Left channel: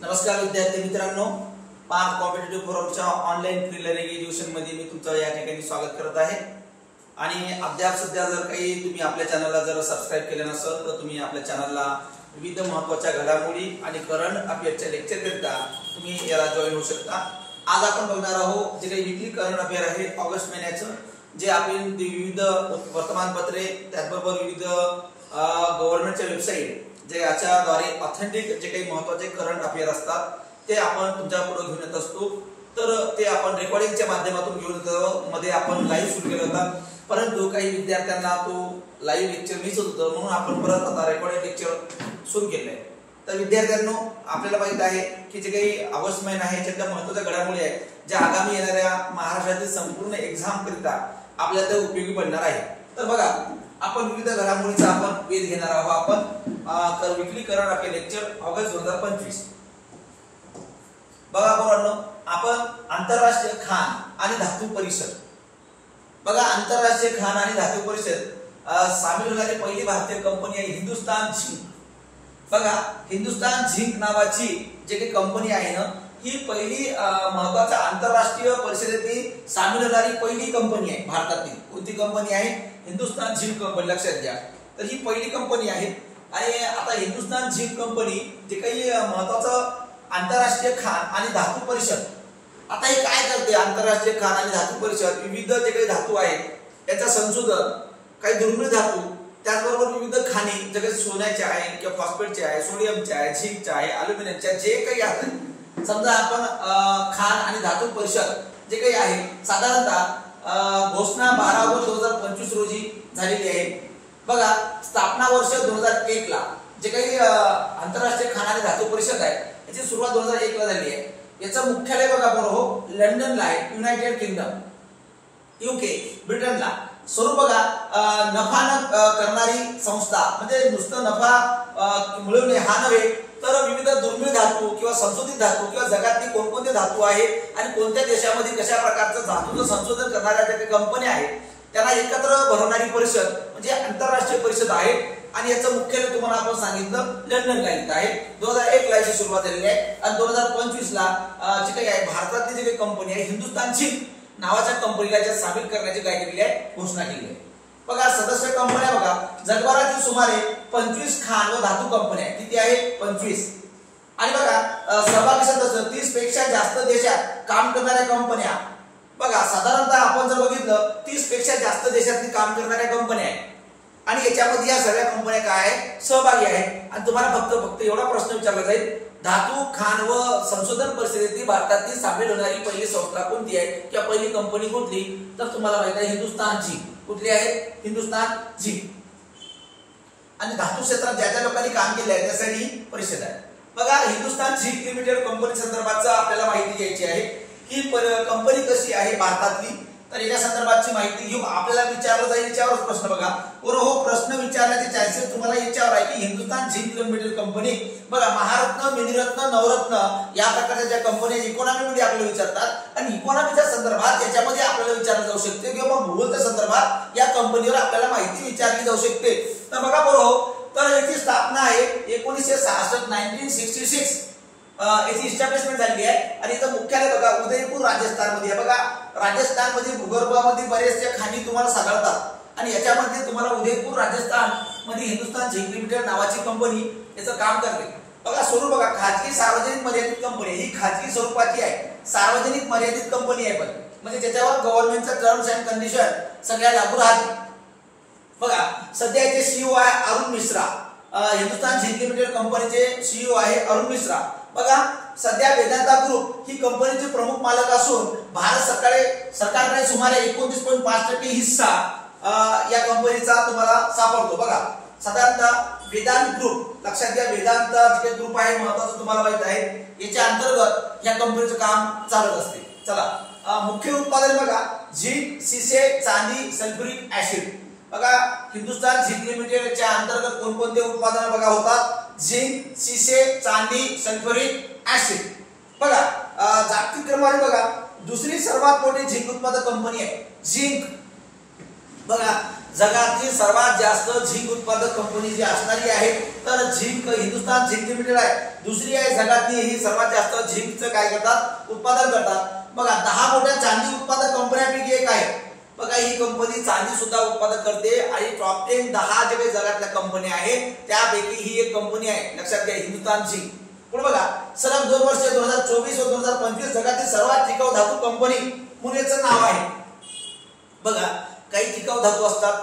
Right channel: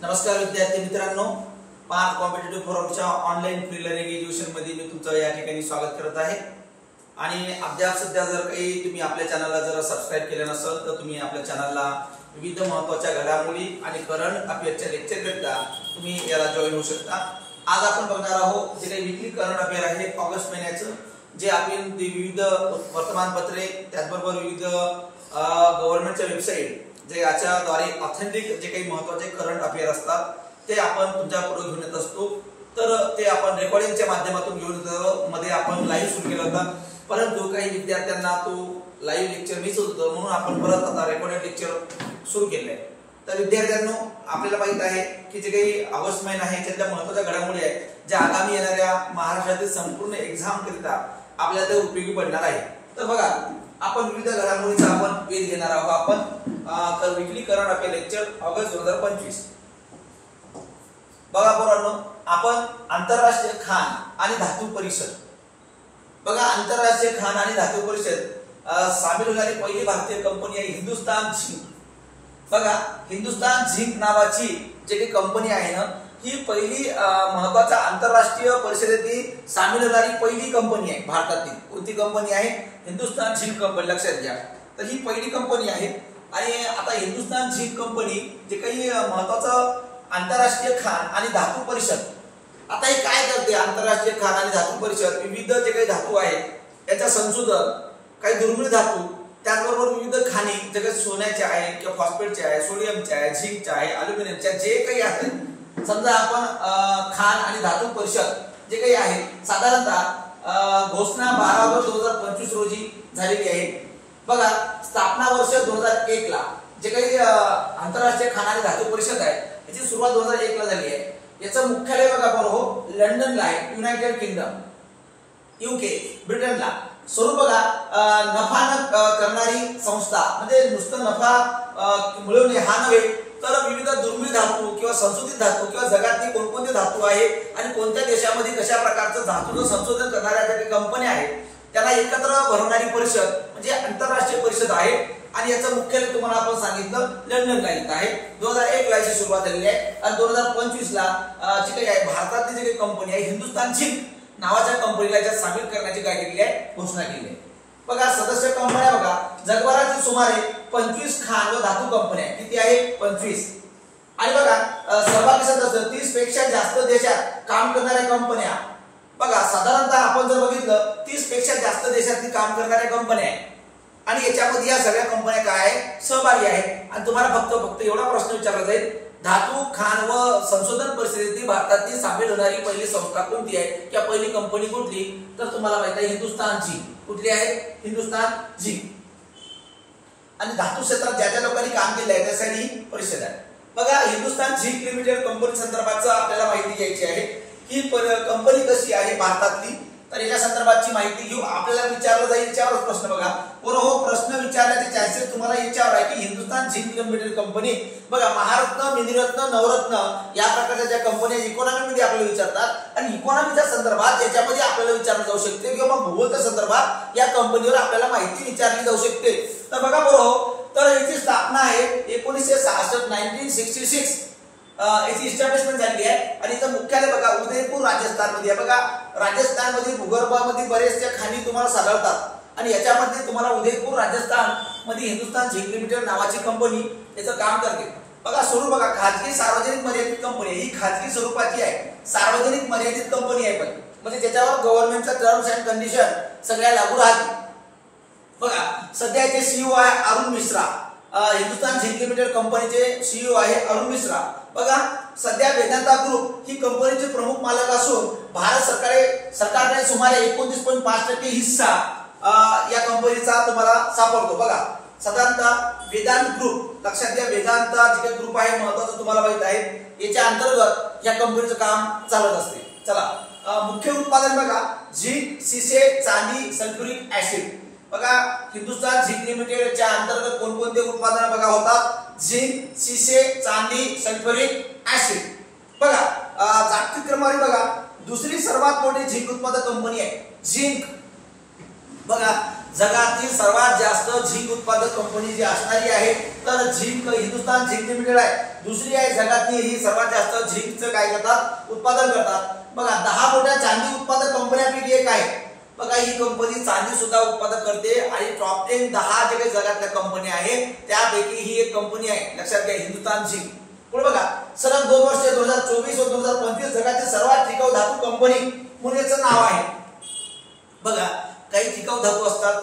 नमस्कार विद्यार्थी मित्रांनो, पार्थ कॉम्पिटिटिव्ह फोरमच्या ऑनलाईन फ्री लर्निंग एज्युकेशन मध्ये मी तुमचं या ठिकाणी स्वागत करत आहे। आणि अद्याप सध्या जर काही तुम्ही आपल्या चॅनलला जर सबस्क्राइब केले नसेल तर तुम्ही आपल्या चॅनलला विविध महत्त्वाच्या घडामोडी आणि करंट अफेअरच्या लेक्चर करता तुम्ही याला जॉइन होऊ शकता। आज आपण बघणार आहोत जे काही वीकली करंट अफेअर आहे ऑगस्ट महिन्याचं, जे आपण विविध वर्तमानपत्रे त्याचबरोबर विविध गव्हर्नमेंटच्या वेबसाईट जे याच्याद्वारे ऑथेंटिक जे काही महत्त्वाचे करंट अफेअर असतात ते आपण तुमच्या पुढे घेऊन येत असतो। तर ते आपण रेकॉर्डिंगच्या माध्यमातून घेऊन येतो। मध्ये आपण लाईव्ह सुरू केला होता, परंतु काही विद्यार्थ्यांना तो लाईव्ह लेक्चर मिस होत होतं, म्हणून आपण परत आता रेकॉर्डिंग लेक्चर सुरू केले आहे। तर विद्यार्थ्यांनो, आपल्याला माहित आहे की जे काही ऑगस्ट महिना आहे त्यातल्या महत्त्वाच्या घडामोडी आहेत ज्या आगामी येणाऱ्या महाराष्ट्रातील संपूर्ण एक्झाम करिता आपल्याला ते उपयोगी पडणार आहे। तर बघा, आपण विविध घडामोडीचा आपण वेध घेणार आहोत। आपण weekly current affair lecture August 2025। बघा पोरांनो, आपण आंतरराष्ट्रीय खाण आणि धातू परिषद, बघा आंतरराष्ट्रीय खाण आणि धातू परिषद सामील होणारी पहिली भारतीय कंपनी आहे हिंदुस्तान झिंक। बघा, हिंदुस्तान झिंक नावाची जे काही कंपनी आहे ना, ही पहिली महत्त्वाच्या आंतरराष्ट्रीय परिषदेतील सामील होणारी पहिली कंपनी आहे भारतातील। कोणती कंपनी आहे? हिंदुस्तान झिंक कंपनी, लक्षात घ्या। तर ही पहिली कंपनी आहे। आणि आता हिंदुस्तान झिंक कंपनी जे काही महत्त्वाचं आंतरराष्ट्रीय खाण आणि धातू परिषद, आता हे काय करते? आंतरराष्ट्रीय खाण आणि धातू परिषद विविध जे काही धातू आहेत याचा संशोधन, काही दुर्मिळ धातू, त्याचबरोबर विविध खाणी जे काही सोन्याचे आहे किंवा फॉस्फेटचे आहे, सोडियमचे आहे, झिंकचे आहे, अल्युमिनियमचे, जे काही आहे, समजा आपण खाण आणि धातू परिषद जे काही आहे साधारणतः घोषणा 12 ऑगस्ट 2025 रोजी झालेली आहे। बघा, स्थापना वर्ष 2001 ला जे काही आंतरराष्ट्रीय खाण आणि धातू परिषद आहे याची सुरुवात 2001 ला झाली आहे। याचं मुख्यालय बघा बरोबर लंडनला आहे, युनायटेड किंगडम, UK, ब्रिटनला। स्वरूप बघा, नफा करणारी संस्था, म्हणजे नुसतं नफा मिळवणे हा नव्हे, तर विविध दुर्मिळ धातू किंवा संशोधित धातू किंवा जगातली कोणकोणते धातू आहे आणि कोणत्या देशामध्ये कशा प्रकारचं धातूचं संशोधन करणाऱ्या ज्या काही कंपन्या आहेत त्यांना एकत्र भरवणारी परिषद म्हणजे आंतरराष्ट्रीय परिषद आहे। आणि याचं मुख्यालय तुम्हाला आपण सांगितलं लंडनला येत आहे। 2001 ला याची सुरुवात झालेली आहे आणि 2025 ला जी काही आहे भारतातली जी काही कंपनी आहे हिंदुस्तान झिंक नावाच्या कंपनीला याच्यात सामील करण्याची काय केलेली आहे? घोषणा केली आहे। बघा, सदस्य कंपन्या बघा, जगभरातील सुमारे 25 खाण व धातू कंपन्या, किती आहे? 25। आणि बघा, सहभागी सदस्य 30 पेक्षा जास्त देशात काम करणाऱ्या कंपन्या, बघा साधारणतः आपण जर बघितलं 30 पेक्षा जास्त देशातली काम करणाऱ्या कंपन्या आहेत। आणि याच्यामध्ये या सगळ्या कंपन्या काय आहेत? सहभागी आहेत। आणि तुम्हाला फक्त एवढा प्रश्न विचारला जाईल, धातू खाण व संशोधन परिषदेतील भारतातील सामील होणारी पहिली संस्था कोणती आहे किंवा पहिली कंपनी कुठली? तर तुम्हाला माहिती आहे हिंदुस्तान झिंक। कुठली आहे? हिंदुस्तान झिंक। आणि धातू क्षेत्रात ज्या ज्या लोकांनी काम केलं आहे त्यासाठी परिषद आहे। बघा, हिंदुस्तान झिंक लिमिटेड कंपनी संदर्भात आपल्याला माहिती घ्यायची आहे। ही कंपनी कशी आहे भारतातली, तर याच्या संदर्भातची माहिती घेऊ। आपल्याला विचारलं जाईल याच्यावर प्रश्न, बघा हो प्रश्न विचारण्याचे चान्सेस तुम्हाला याच्यावर आहे की हिंदुस्तान झिंक लिमिटेड कंपनी, बघा महारत्न, मिनिरत्न, नवरत्न या प्रकारच्या ज्या कंपन्या इकॉनॉमीमध्ये आपल्याला विचारतात आणि इकॉनॉमीच्या संदर्भात याच्यामध्ये आपल्याला विचारलं जाऊ शकते किंवा भूगोलच्या संदर्भात या कंपनीवर आपल्याला माहिती विचारली जाऊ शकते। तर बघा बरोबर, तर याची स्थापना आहे 1966, 1966 याची इस्टॅब्लिशमेंट झाली आहे। आणि याचं मुख्यालय बघा उदयपूर राजस्थान मध्ये आहे। बघा, राजस्थान मध्ये भूगर्भामध्ये बरेचशा खाणी तुम्हाला सापडतात आणि याच्यामध्ये तुम्हाला उदयपूर राजस्थान मध्ये हिंदुस्तान झिंक लिमिटेड नावाची कंपनी याचं काम करते। बघा, स्वरूप बघा, खाजगी सार्वजनिक मर्यादित कंपनी, ही खाजगी स्वरूपाची आहे, सार्वजनिक मर्यादित कंपनी आहे, पण म्हणजे त्याच्यावर गव्हर्नमेंटचा टर्म्स अँड कंडिशन सगळ्या लागू राहते। बघा, सध्या याचे CEO आहे अरुण मिश्रा, हिंदुस्तान झिंक लिमिटेड कंपनीचे CEO आहे अरुण मिश्रा। बघा, सध्या वेदांता ग्रुप ही कंपनीचे प्रमुख मालक असून भारत सरकारकडे सुमारे 29.5% हिस्सा या कंपनीचा तुम्हाला सापडतो। बघा, साधारणतः वेदांत ग्रुप, लक्षात घ्या, वेदांत जे ग्रुप आहे महत्त्वाचं तुम्हाला माहित आहे, याच्या अंतर्गत या कंपनीचं काम चालत असते। चला, मुख्य उत्पादन बघा झिंक, शिसे, चांदी, सल्फ्युरिक ऍसिड। बघा, हिंदुस्तान झिंक लिमिटेडच्या अंतर्गत कोणकोणते उत्पादन बघा होतात? झिंक, शिसे, चांदी, सल्फ्युरिक ऍसिड। बघा, जागतिक क्रमवारी बघा दुसरी सर्वात मोठी झिंक उत्पादक कंपनी आहे झिंक। बघा, जगातील सर्वात जास्त झिंक उत्पादक कंपनी जी असणारी आहे तर झिंक हिंदुस्तान झिंक लिमिटेड आहे। दुसरी आहे जगातली ही सर्वात जास्त झिंकचं काय करतात उत्पादन करतात। बघा 10 मोठ्या चांदी उत्पादक कंपन्यांपैकी एक आहे। बघा ही कंपनी चांदी सुद्धा उत्पादन करते आणि टॉप 10 जे काही जगातल्या कंपन्या आहेत त्यापैकी ही एक कंपनी आहे, लक्षात घ्या हिंदुस्तान झिंक। पुढे बघा सलग 2 वर्ष 2024 व 2025 जगातील सर्वात टिकाऊ धातू कंपनी म्हणून याचं नाव आहे। बघा काही टिकाऊ धातू असतात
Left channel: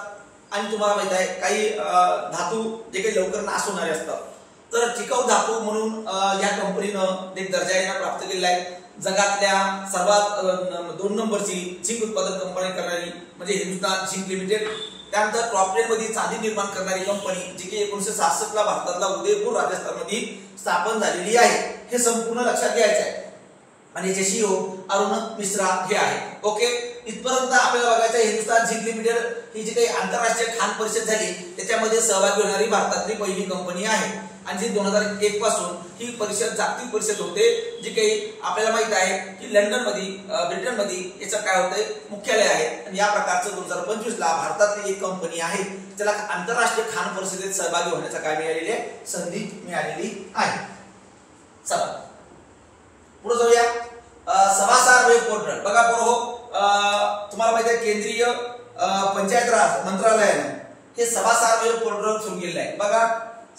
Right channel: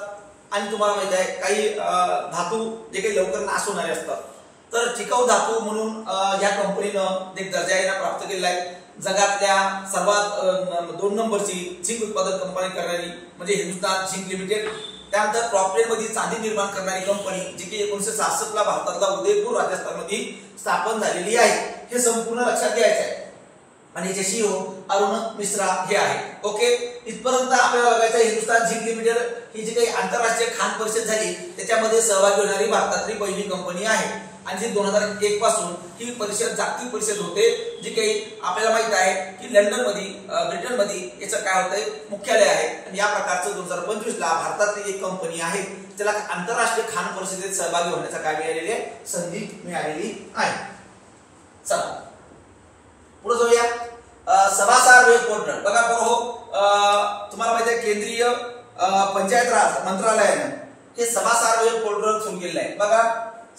आणि तुम्हाला माहित आहे काही धातू जे काही लवकर नाश होणारे असतात, तर टिकाऊ धातू म्हणून या कंपनीनं एक दर्जा प्राप्त केलेला आहे। जगातल्या सर्वात 2 नंबरची झिंक उत्पादन कंपनी करणारी म्हणजे हिंदुस्तान झिंक लिमिटेड। त्यानंतर टॉप 10 मध्ये चांदी निर्माण करणारी कंपनी जी की 1966 ला भारतातला उदयपूर राजस्थान मध्ये स्थापन झालेली आहे, हे संपूर्ण लक्षात घ्यायचं आहे। आणि याचे सीईओ अरुण मिश्रा हे आहे। ओके, इथपर्यंत आपल्याला बघायचं आहे हिंदुस्तान झिंक लिमिटेड ही जी काही आंतरराष्ट्रीय खाण परिषद झाली त्याच्यामध्ये सहभागी होणारी भारतातली पहिली कंपनी आहे आणि जी 2001 पासून ही परिषद जागतिक परिषद होते, जी काही आपल्याला माहित आहे की लंडन मध्ये ब्रिटन मध्ये याचं काय होतंय मुख्यालय आहे। आणि या प्रकारचं 2025 ला भारतातली एक कंपनी आहे त्याला आंतरराष्ट्रीय खाण परिषदेत सहभागी होण्याचा काय मिळालेली आहे संधी मिळालेली आहे। चला पुढे जाऊया। सभासार वेब पोर्टल बघा बरोबर तुम्हाला माहिती आहे केंद्रीय पंचायत राज मंत्रालयाने हे सभासार वेब पोर्टल सुरू केलेलं आहे। बघा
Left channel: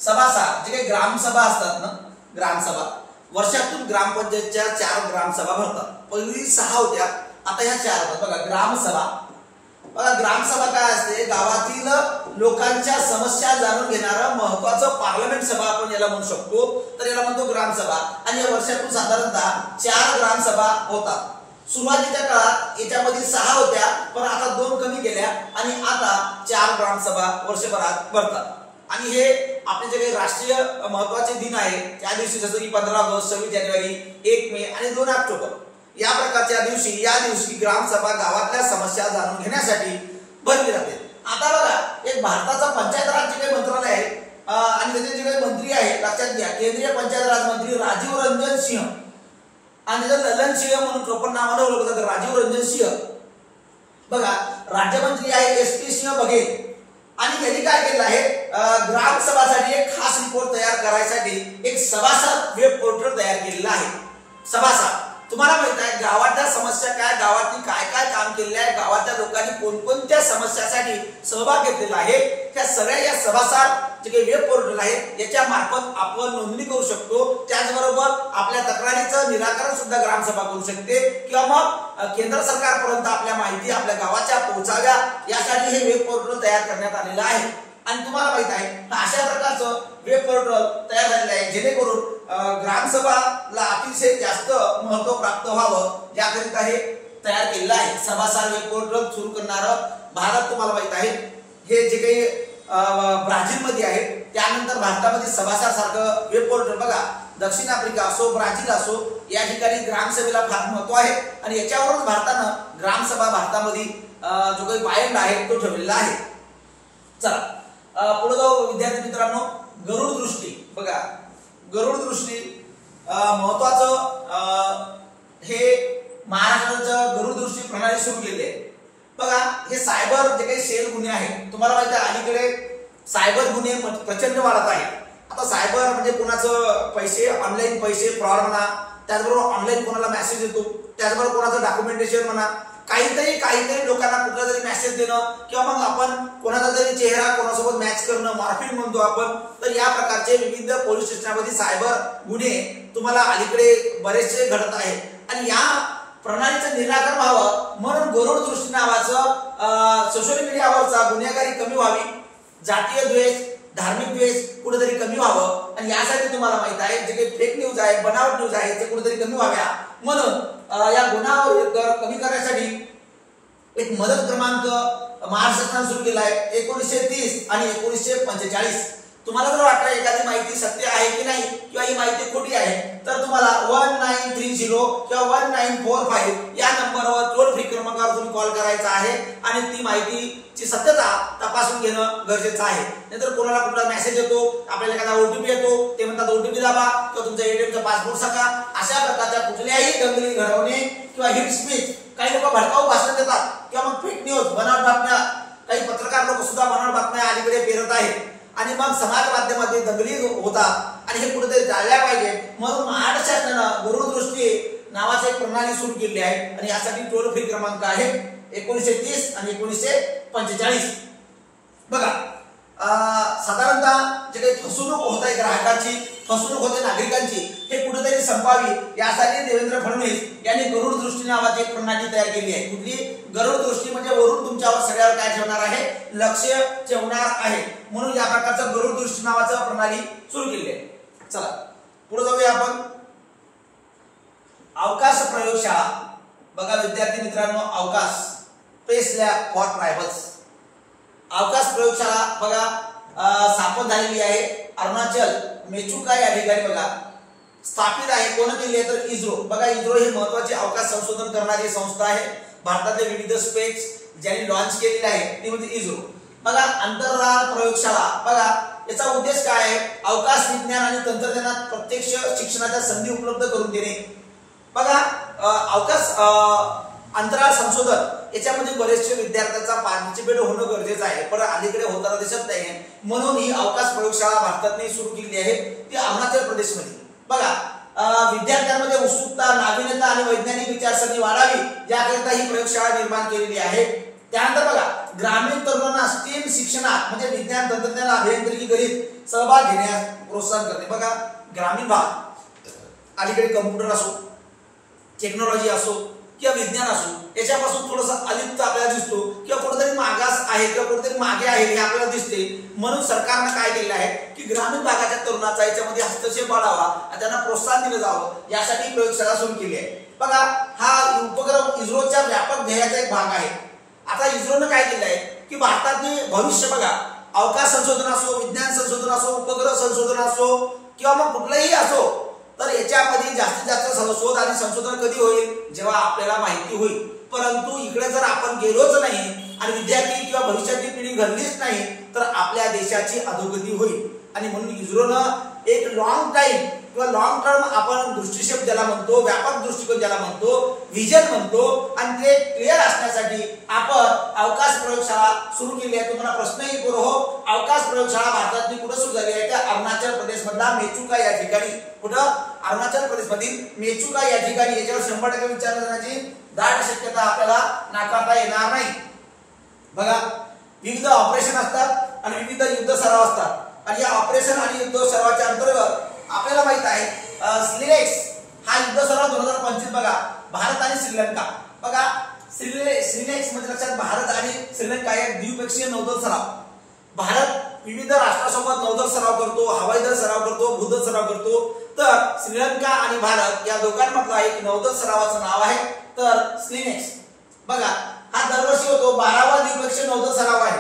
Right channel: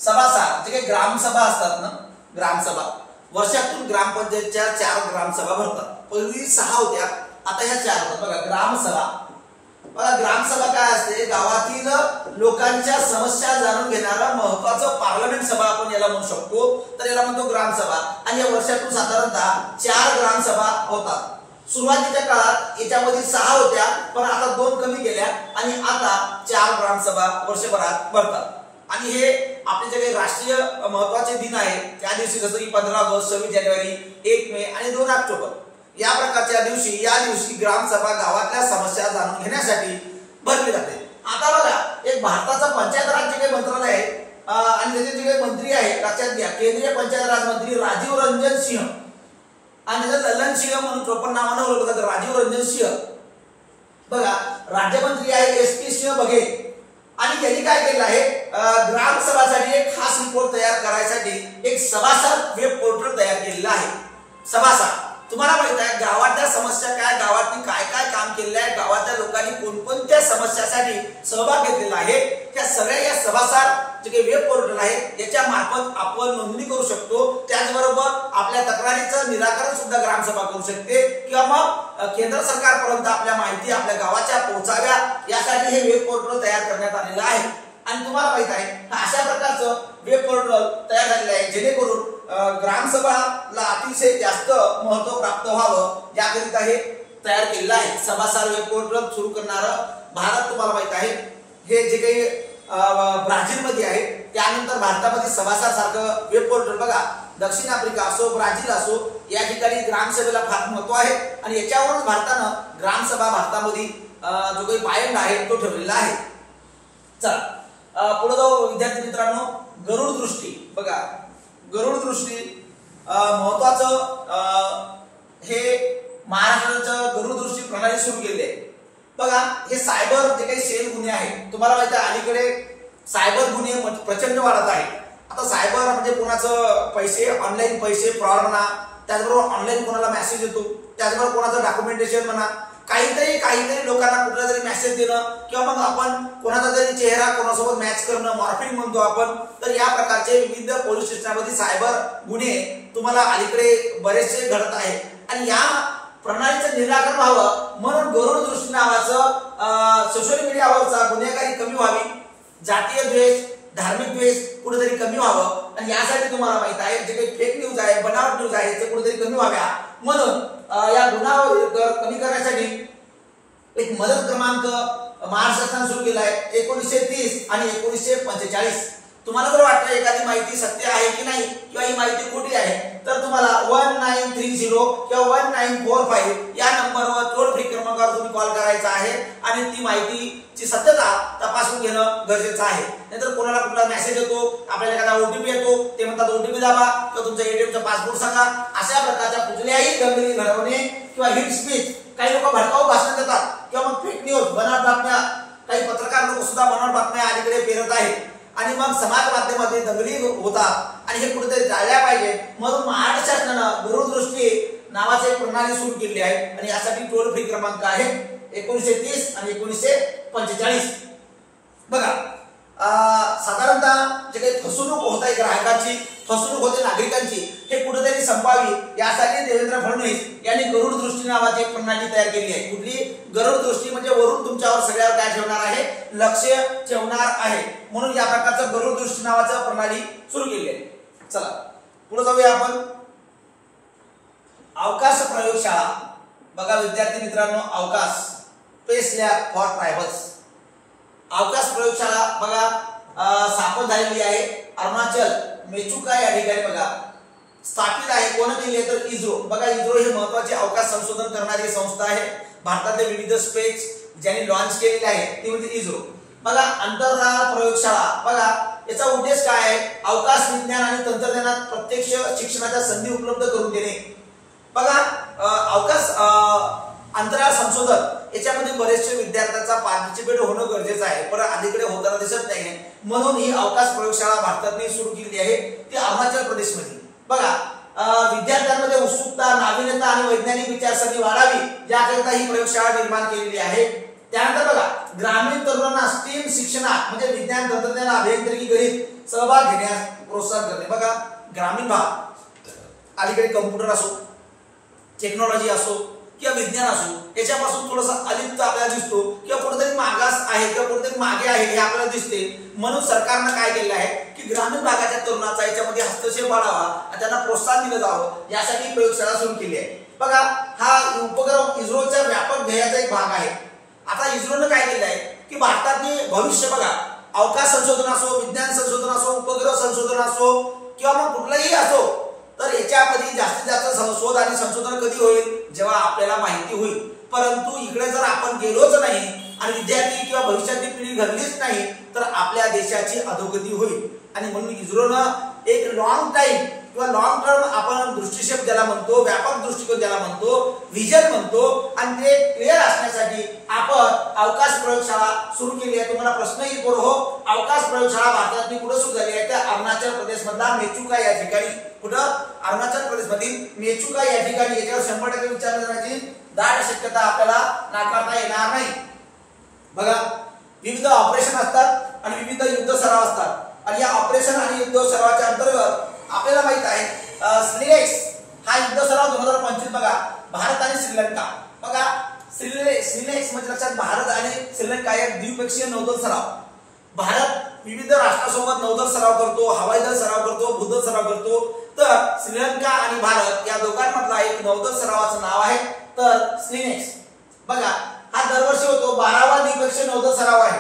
सभासार जे काही ग्रामसभा असतात ना, ग्रामसभा वर्षातून ग्रामपंचायतच्या 4 ग्रामसभा भरतात। पहिली 6 होत्या, आता ह्या 4 होतात। बघा ग्रामसभा, बघा ग्रामसभा काय असते गावातील लोकांच्या समस्या जाणून घेणारा महत्त्वाचं पार्लमेंट सभा आपण याला म्हणू शकतो, तर याला म्हणतो ग्रामसभा। आणि या वर्षातून साधारणतः 4 ग्रामसभा होतात। सुरुवातीच्या काळात याच्यामध्ये 6 होत्या पण आता 2 कमी केल्या आणि आता 4 ग्रामसभा वर्षभरात भरतात। आणि हे आपले जे काही राष्ट्रीय महत्त्वाचे दिन आहे त्या दिवशी जसं की 15 ऑगस्ट 26 जानेवारी 1 मे आणि 2 ऑक्टोबर या प्रकारच्या या दिवशी ग्रामसभा गावातल्या समस्या जाणून घेण्यासाठी भरली जाते। आता बघा एक भारताचा पंचायत राज जे काही मंत्रालय आहे आणि त्याचे जे काही मंत्री आहे लक्षात घ्या केंद्रीय पंचायत राज मंत्री राजीव रंजन सिंह आणि ललन सिंह म्हणून टोपण नावाने ओळखलं जातं राजीव रंजन सिंह। बघा राज्यमंत्री आहे SP सिंह बघेल आणि त्यांनी काय केलं आहे ग्रामसभासाठी एक खास रिपोर्ट तयार करायसाठी एक सभासार वेब पोर्टल तयार केलेला आहे। सभासार तुम्हाला माहित आहे गावातल्या समस्या काय, गावातली काय काय काम केलेलं आहे, गावातल्या लोकांनी कोणकोणत्या समस्यासाठी सहभाग घेतलेला आहे, त्या सगळ्या या सभासार जे काही वेब पोर्टल आहे याच्या मार्फत आपण नोंदणी करू शकतो। त्याचबरोबर आपल्या तक्रारीचं निराकरण सुद्धा ग्रामसभा करू शकते किंवा मग केंद्र सरकारपर्यंत आपल्या माहिती आपल्या गावाच्या पोहोचाव्या यासाठी हे वेब पोर्टल तयार करण्यात आलेलं आहे। आणि तुम्हाला माहित आहे अशा प्रकारचं वेब पोर्टल तयार झालेलं आहे जेणेकरून ग्रामसभाला अतिशय जास्त महत्त्व प्राप्त व्हावं याकरिता हे तयार केलेलं आहे। सभासार वेब पोर्टल सुरू करणारं भारत तुम्हाला माहित आहे हे जे काही ब्राझील मध्ये आहे, त्यानंतर भारतामध्ये सभासार सारखं वेब पोर्टल बघा दक्षिण आफ्रिका असो ब्राझील असो या ठिकाणी ग्रामसभेला फार महत्त्व आहे आणि याच्यावरून भारतानं ग्रामसभा भारतामध्ये जो काही पायंडा आहे तो ठेवलेला आहे। चला पुढे जाऊ विद्यार्थी मित्रांनो। गरुड दृष्टी बघा गरुड दृष्टी महत्त्वाचं हे महाराष्ट्राचं गरुड दृष्टी प्रणाली सुरू केली आहे। बघा हे सायबर जे काही सेल गुन्हे आहेत तुम्हाला माहिती आहे अलीकडे सायबर गुन्हे प्रचंड वाढत आहेत। आता सायबर म्हणजे कोणाचं पैसे ऑनलाईन पैसे फ्रॉड म्हणा, त्याचबरोबर ऑनलाईन कोणाला मेसेज येतो, त्याचबरोबर कोणाचं डॉक्युमेंटेशन म्हणा, काहीतरी लोकांना कुठला तरी मेसेज देणं किंवा मग आपण कोणाचा तरी चेहरा कोणासोबत मॅच करणं मॉर्फिंग म्हणतो आपण, तर या प्रकारचे विविध पोलीस स्टेशनमध्ये सायबर गुन्हे तुम्हाला अलीकडे बरेचसे घडत आहेत आणि या प्रणालीचं निराकरण व्हावं म्हणून गरुड दृष्टी नावाचं सोशल मीडियावरचा गुन्हेगारी कमी व्हावी, जातीय द्वेष धार्मिक द्वेष कुठेतरी कमी व्हावं आणि यासाठी तुम्हाला माहित आहे जे काही फेक न्यूज आहे बनावट न्यूज आहे ते कुठेतरी कमी व्हाव्या म्हणून या गुन्ह्यावर दर कमी करण्यासाठी एक मदत क्रमांक महाराष्ट्र सरकारने सुरू केला आहे 1930 आणि 1945। तुम्हाला जर वाटलं एखादी माहिती सत्य आहे की नाही किंवा ही माहिती खोटी आहे तर तुम्हाला 1930 किंवा 1945 या नंबरवर टोल फ्री क्रमांकावर तुम्ही कॉल करायचा आहे आणि ती माहितीची सत्यता तपासून घेणं गरजेचं आहे। नाहीतर कोणाला कुठला मेसेज येतो, आपल्याला एखादा OTP येतो, ते म्हणतात OTP दाबा किंवा तुमचा ATMचा पासपोर्ट सांगा, अशा प्रकारच्या कुठल्याही दंगली घडवणे किंवा हिट स्पीच काही लोक भडकाऊ भाषण देतात किंवा मग फेक न्यूज बनावट बातम्या काही पत्रकार लोक सुद्धा बनावट बातम्या अलीकडे पेरत आहेत आणि मग समाज माध्यमामध्ये दंगली होतात आणि हे कुठेतरी टाळल्या पाहिजे. म्हणून महाराष्ट्र शासनानं गरुड दृष्टी नावाची एक प्रणाली सुरू केली आहे आणि यासाठी टोल फ्री क्रमांक आहे 1930 आणि 1945. बघा साधारणतः जे काही फसवणूक होत आहे ग्राहकांची, फसवणूक होते नागरिकांची, हे कुठेतरी संपावी यासाठी देवेंद्र फडणवीस यांनी गरुड दृष्टी नावाची एक प्रणाली तयार केली आहे. कुठली? गरुड दृष्टी म्हणजे वरून तुमच्यावर सगळ्यावर काय ठेवणार आहे? लक्ष ठेवणार आहे. म्हणून या प्रकारचं गरुड दृष्टी नावाचं प्रणाली सुरू केली आहे. चला पुढे जाऊया आपण. अवकाश प्रयोगशाळा. बघा विद्यार्थी मित्रांनो, अवकाश स्पेस लॅब फॉर ट्रायबल्स. अवकाश प्रयोगशाळा बघा स्थापन झालेली आहे अरुणाचल मेचुका या ठिकाणी बघा स्थापित आहे. कोण केली आहे? तर इस्रो. बघा इस्रो ही महत्त्वाची अवकाश संशोधन करणारी संस्था आहे. भारतातले विविध स्पेस ज्यांनी लॉन्च केलेले आहे ती म्हणजे इस्रो. बघा अंतराळ प्रयोगशाळा. बघा याचा उद्देश काय आहे? अवकाश विज्ञान आणि तंत्रज्ञानात प्रत्यक्ष शिक्षणाच्या संधी उपलब्ध करून देणे. बघा अवकाश अंतराळ संशोधन याच्यामध्ये बरेचसे विद्यार्थ्यांचा पार्टिसिपेट होणं गरजेचं आहे, पण अलीकडे होताना दिसत नाही. म्हणून ही अवकाश प्रयोगशाळा भारताने सुरू केली आहे ती अरुणाचल प्रदेशमध्ये. बघा विद्यार्थ्यांमध्ये उत्सुकता, नाविन्यता आणि वैज्ञानिक विचारसरणी वाढावी याकरिता ही प्रयोगशाळा निर्माण केलेली आहे. त्यानंतर बघा ग्रामीण तरुणांना स्टेम शिक्षणात म्हणजे विज्ञान, तंत्रज्ञान, अभियांत्रिकी, गणित सहभाग घेण्यास प्रोत्साहन करणे. बघा ग्रामीण भाग अलीकडे कम्प्युटर असो, टेक्नॉलॉजी असो किंवा विज्ञान असो याच्यापासून थोडंसं अलिप्त आपल्याला दिसतो किंवा कुठेतरी मागास आहे किंवा कुठेतरी मागे आहे हे आपल्याला दिसते. म्हणून सरकारनं काय केलेलं आहे की ग्रामीण भागाच्या तरुणाचा याच्यामध्ये हस्तक्षेप वाढावा आणि त्यांना प्रोत्साहन दिलं जावं यासाठी प्रयोगशाळा सुरू केली आहे. बघा हा उपक्रम इस्रोच्या व्यापक ध्येयाचा एक भाग आहे. आता इस्रोनं काय केलं आहे की भारतातील भविष्य बघा अवकाश संशोधन असो, विज्ञान संशोधन असो, उपग्रह संशोधन असो किंवा मग कुठलंही असो, तर याच्यामध्ये जास्तीत जास्त शोध आणि संशोधन कधी होईल? जेव्हा आपल्याला माहिती होईल. परंतु इकडे जर आपण गेलोच नाही आणि विद्यार्थी किंवा भविष्याची पिढी घडलीच नाही तर आपल्या देशाची अधोगती होईल. आणि म्हणून इस्रोनं एक लॉंग टाइम किंवा लॉंग टर्म आपण दृष्टिक्षेप ज्याला म्हणतो, व्यापक दृष्टिकोन ज्याला म्हणतो, व्हिजन म्हणतो, आणि ते क्लिअर असण्यासाठी आपण अवकाश प्रयोगशाळा सुरू केली आहे. तुम्हाला प्रश्न येईल बरोबर हो, अवकाश प्रयोगशाळा भारतातली कुठे सुरू झाली आहे? तर अरुणाचल प्रदेश मधला मेचुका या ठिकाणी. कुठं? अरुणाचल प्रदेश मधील मेचुका या ठिकाणी. याच्यावर 100% विचार करण्याची दाट शक्यता आपल्याला नाकारता येणार नाही. बघा विविध ऑपरेशन असतात आणि विविध युद्ध सराव असतात आणि या ऑपरेशन आणि युद्ध सरावाच्या अंतर्गत आपल्याला माहित आहे स्लिनेक्स हा युद्ध सराव 2025 बघा भारत आणि श्रीलंका. बघा स्लिनेक्स म्हणजे लक्षात भारत आणि श्रीलंका या द्विपक्षीय नौदल सराव. भारत विविध राष्ट्रांसोबत नौदल सराव करतो, हवाई दल सराव करतो, भूदल सराव करतो. तर श्रीलंका आणि भारत या दोघांमधला एक नौदल सरावाचं नाव आहे तर स्लिनेक्स. बघा हा दरवर्षी होतो 12वा द्विपक्षीय नौदल सराव आहे.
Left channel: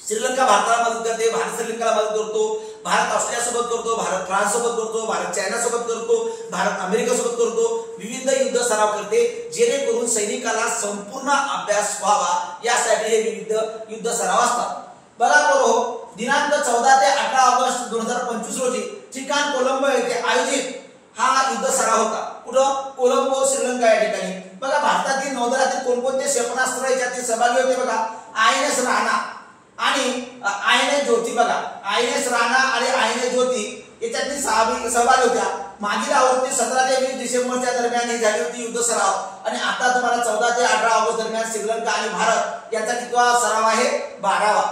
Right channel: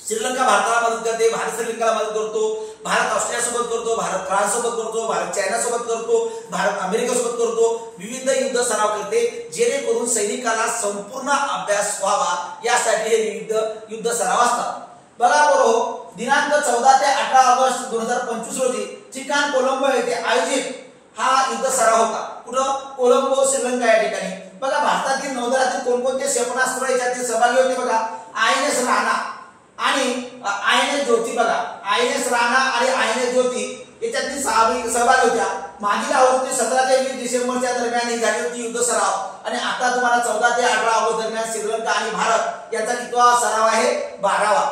श्रीलंका भारताला मदत करते, भारत श्रीलंकाला मदत करतो, भारत ऑस्ट्रेलिया सोबत करतो, भारत फ्रान्स सोबत करतो, भारत चायना सोबत करतो, भारत अमेरिका सोबत करतो. विविध युद्ध सराव करते जेणेकरून सैनिकाला संपूर्ण अभ्यास व्हावा यासाठी हे विविध युद्ध सराव असतात. बघा बरोबर दिनांक 14 ते 18 ऑगस्ट 2025 रोजी ठिकाण कोलंबो येथे आयोजित हा युद्ध सराव होता. कुठं? कोलंबो श्रीलंका या ठिकाणी. बघा भारतातील नौदलातील कोणकोणते क्षेपणास्त्र याच्यात सहभागी होते? बघा INS राणा आणि INS ज्योती. बघा INS राणा आणि INS ज्योती याच्यातील सहभागी होत्या. मागील आवृत्ती 17 ते 20 डिसेंबरच्या दरम्यान ही झाली होती युद्ध सराव आणि आता तुम्हाला 14 ते 18 ऑगस्ट दरम्यान श्रीलंका आणि भारत यांचा कितवा सराव आहे? 12वा.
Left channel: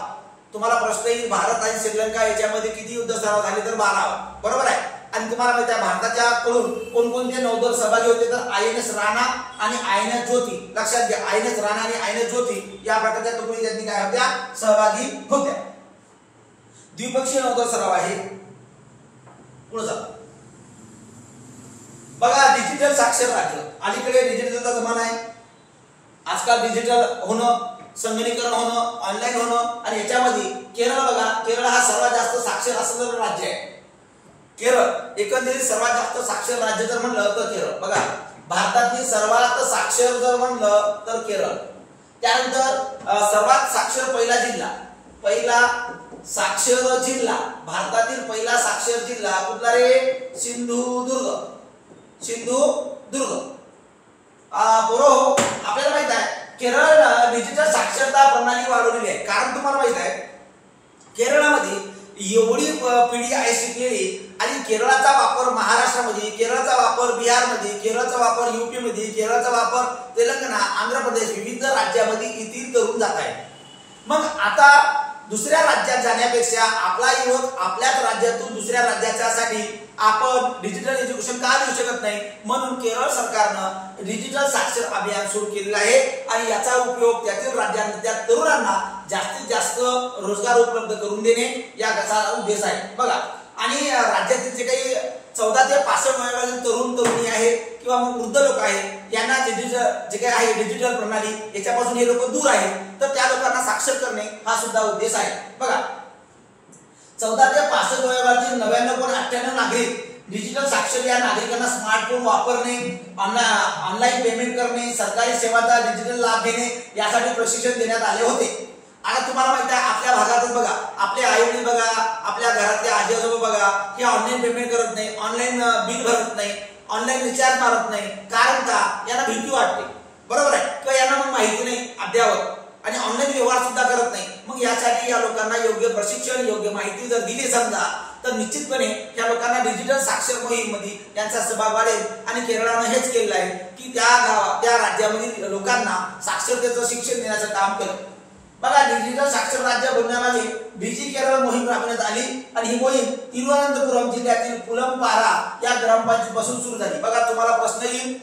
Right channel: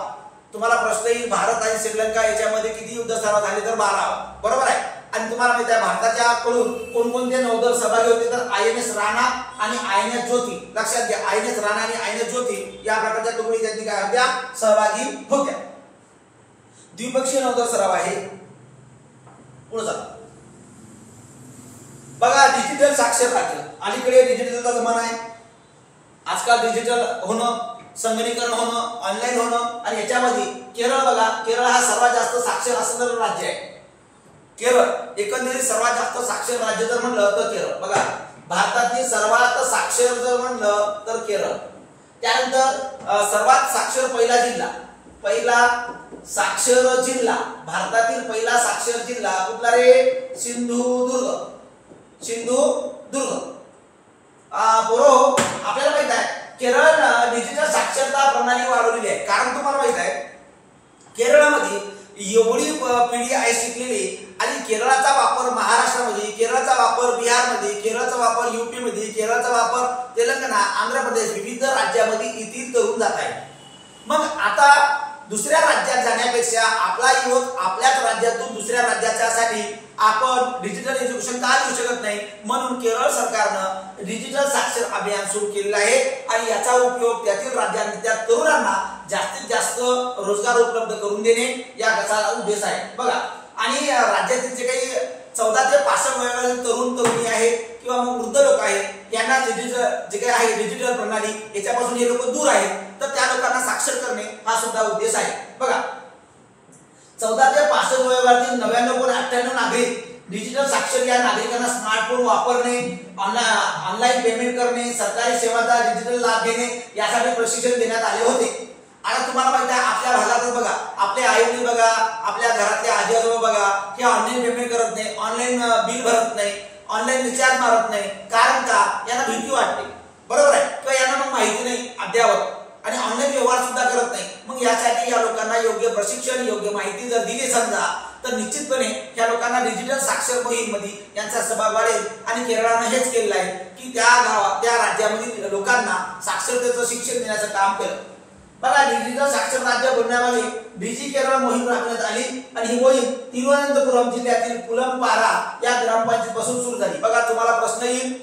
तुम्हाला प्रश्न येईल भारत आणि श्रीलंका याच्यामध्ये किती युद्ध सराव झाले? तर 12वा. बरोबर आहे. आणि तुम्हाला माहिती आहे भारताच्या कडून कोणकोणते नौदल सहभागी होते? तर INS राणा आणि INS ज्योती. लक्षात घ्या INS राणा आणि INS ज्योती या प्रकारच्या तुकडी त्यांनी काय होत्या? सहभागी होत्या. द्विपक्षीय नौदल सराव आहे. पुढे जा. बघा डिजिटल साक्षर राज्य. अलीकडे डिजिटलचा जमाना आहे. आजकाल डिजिटल होणं, संगणकीकरण होणं, ऑनलाईन होणं आणि याच्यामध्ये केरळ. बघा केरळ हा सर्वात जास्त साक्षर असणारं राज्य आहे. केरळ एकंदरीत सर्वात जास्त साक्षर राज्य जर म्हणलं तर केरळ. बघा भारतातील सर्वात साक्षर जर म्हणलं तर केरळ. त्यानंतर सर्वात साक्षर पहिला जिल्हा, पहिला साक्षर जिल्हा भारतातील पहिला साक्षर जिल्हा कुठला रे? सिंधुदुर्ग. सिंधुदुर्ग. बरोबर आपल्याला माहित आहे केरळ डिजिटल साक्षरता प्रणाली वाढवलेली आहे. कारण तुम्हाला माहित आहे केरळमध्ये एवढी पिढी आहे शिकलेली, आणि केरळाचा वापर महाराष्ट्रामध्ये, केरळाचा वापर बिहारमध्ये, केरळाचा वापर युपी मध्ये, केरळाचा वापर तेलंगणा, आंध्र प्रदेश विविध राज्यामध्ये इतर तरुण जात आहे. मग आता दुसऱ्या राज्यात जाण्यापेक्षा आपला युवक आपल्याच राज्यातून दुसऱ्या राज्यासाठी आपण डिजिटल एज्युकेशन का देऊ शकत नाही, म्हणून केरळ सरकारनं डिजिटल साक्षर अभियान सुरू केलेलं आहे. आणि याचा उपयोग त्यातील राज्यांच्या तरुणांना जास्तीत जास्त रोजगार उपलब्ध करून देणे याचा उद्देश आहे. बघा, आणि राज्यातील जे काही 14 ते 65 वयोगटातील तरुण तरुणी आहे किंवा मग वृद्ध लोक आहेत, यांना जे काही आहे डिजिटल प्रणाली याच्यापासून हे लोक दूर आहेत, तर त्या लोकांना साक्षर करणे हा सुद्धा उद्देश आहे. बघा, 14 ते 65 वयोगटातील 99.98% नागरिक डिजिटल साक्षर या नागरिकांना स्मार्टफोन वापरणे, ऑनलाईन पेमेंट करणे, सरकारी सेवांचा डिजिटल लाभ घेणे यासाठी प्रशिक्षण देण्यात आले होते. आता तुम्हाला माहिती आहे आपल्या भागातच बघा, आपले आई वडील बघा, आपल्या घरातले आजी आजोबा बघा, हे ऑनलाईन पेमेंट करत नाही, ऑनलाईन बिल भरत नाही, ऑनलाईन रिचार्ज मारत नाही. कारण का? यांना भीती वाटते, बरोबर आहे, किंवा यांना मग माहिती नाही अद्यावत, आणि ऑनलाईन व्यवहार सुद्धा करत नाही. मग यासाठी या लोकांना योग्य प्रशिक्षण, योग्य माहिती जर दिली समजा, तर निश्चितपणे या लोकांना डिजिटल साक्षर मोहीममध्ये यांचा सहभाग वाढेल. आणि केरळानं हेच केलेलं आहे की त्या राज्यामधील लोकांना साक्षरतेचं शिक्षण देण्याचं काम केलं. बघा, डिजिटल साक्षर राज्य बनवण्यामागे डिजी केरळ मोहीम राबवण्यात आली, आणि ही मोहीम तिरुवनंतपुरम जिल्ह्यातील पुलंपारा या ग्रामपंचायतीपासून सुरू झाली. बघा, तुम्हाला प्रश्न येईल,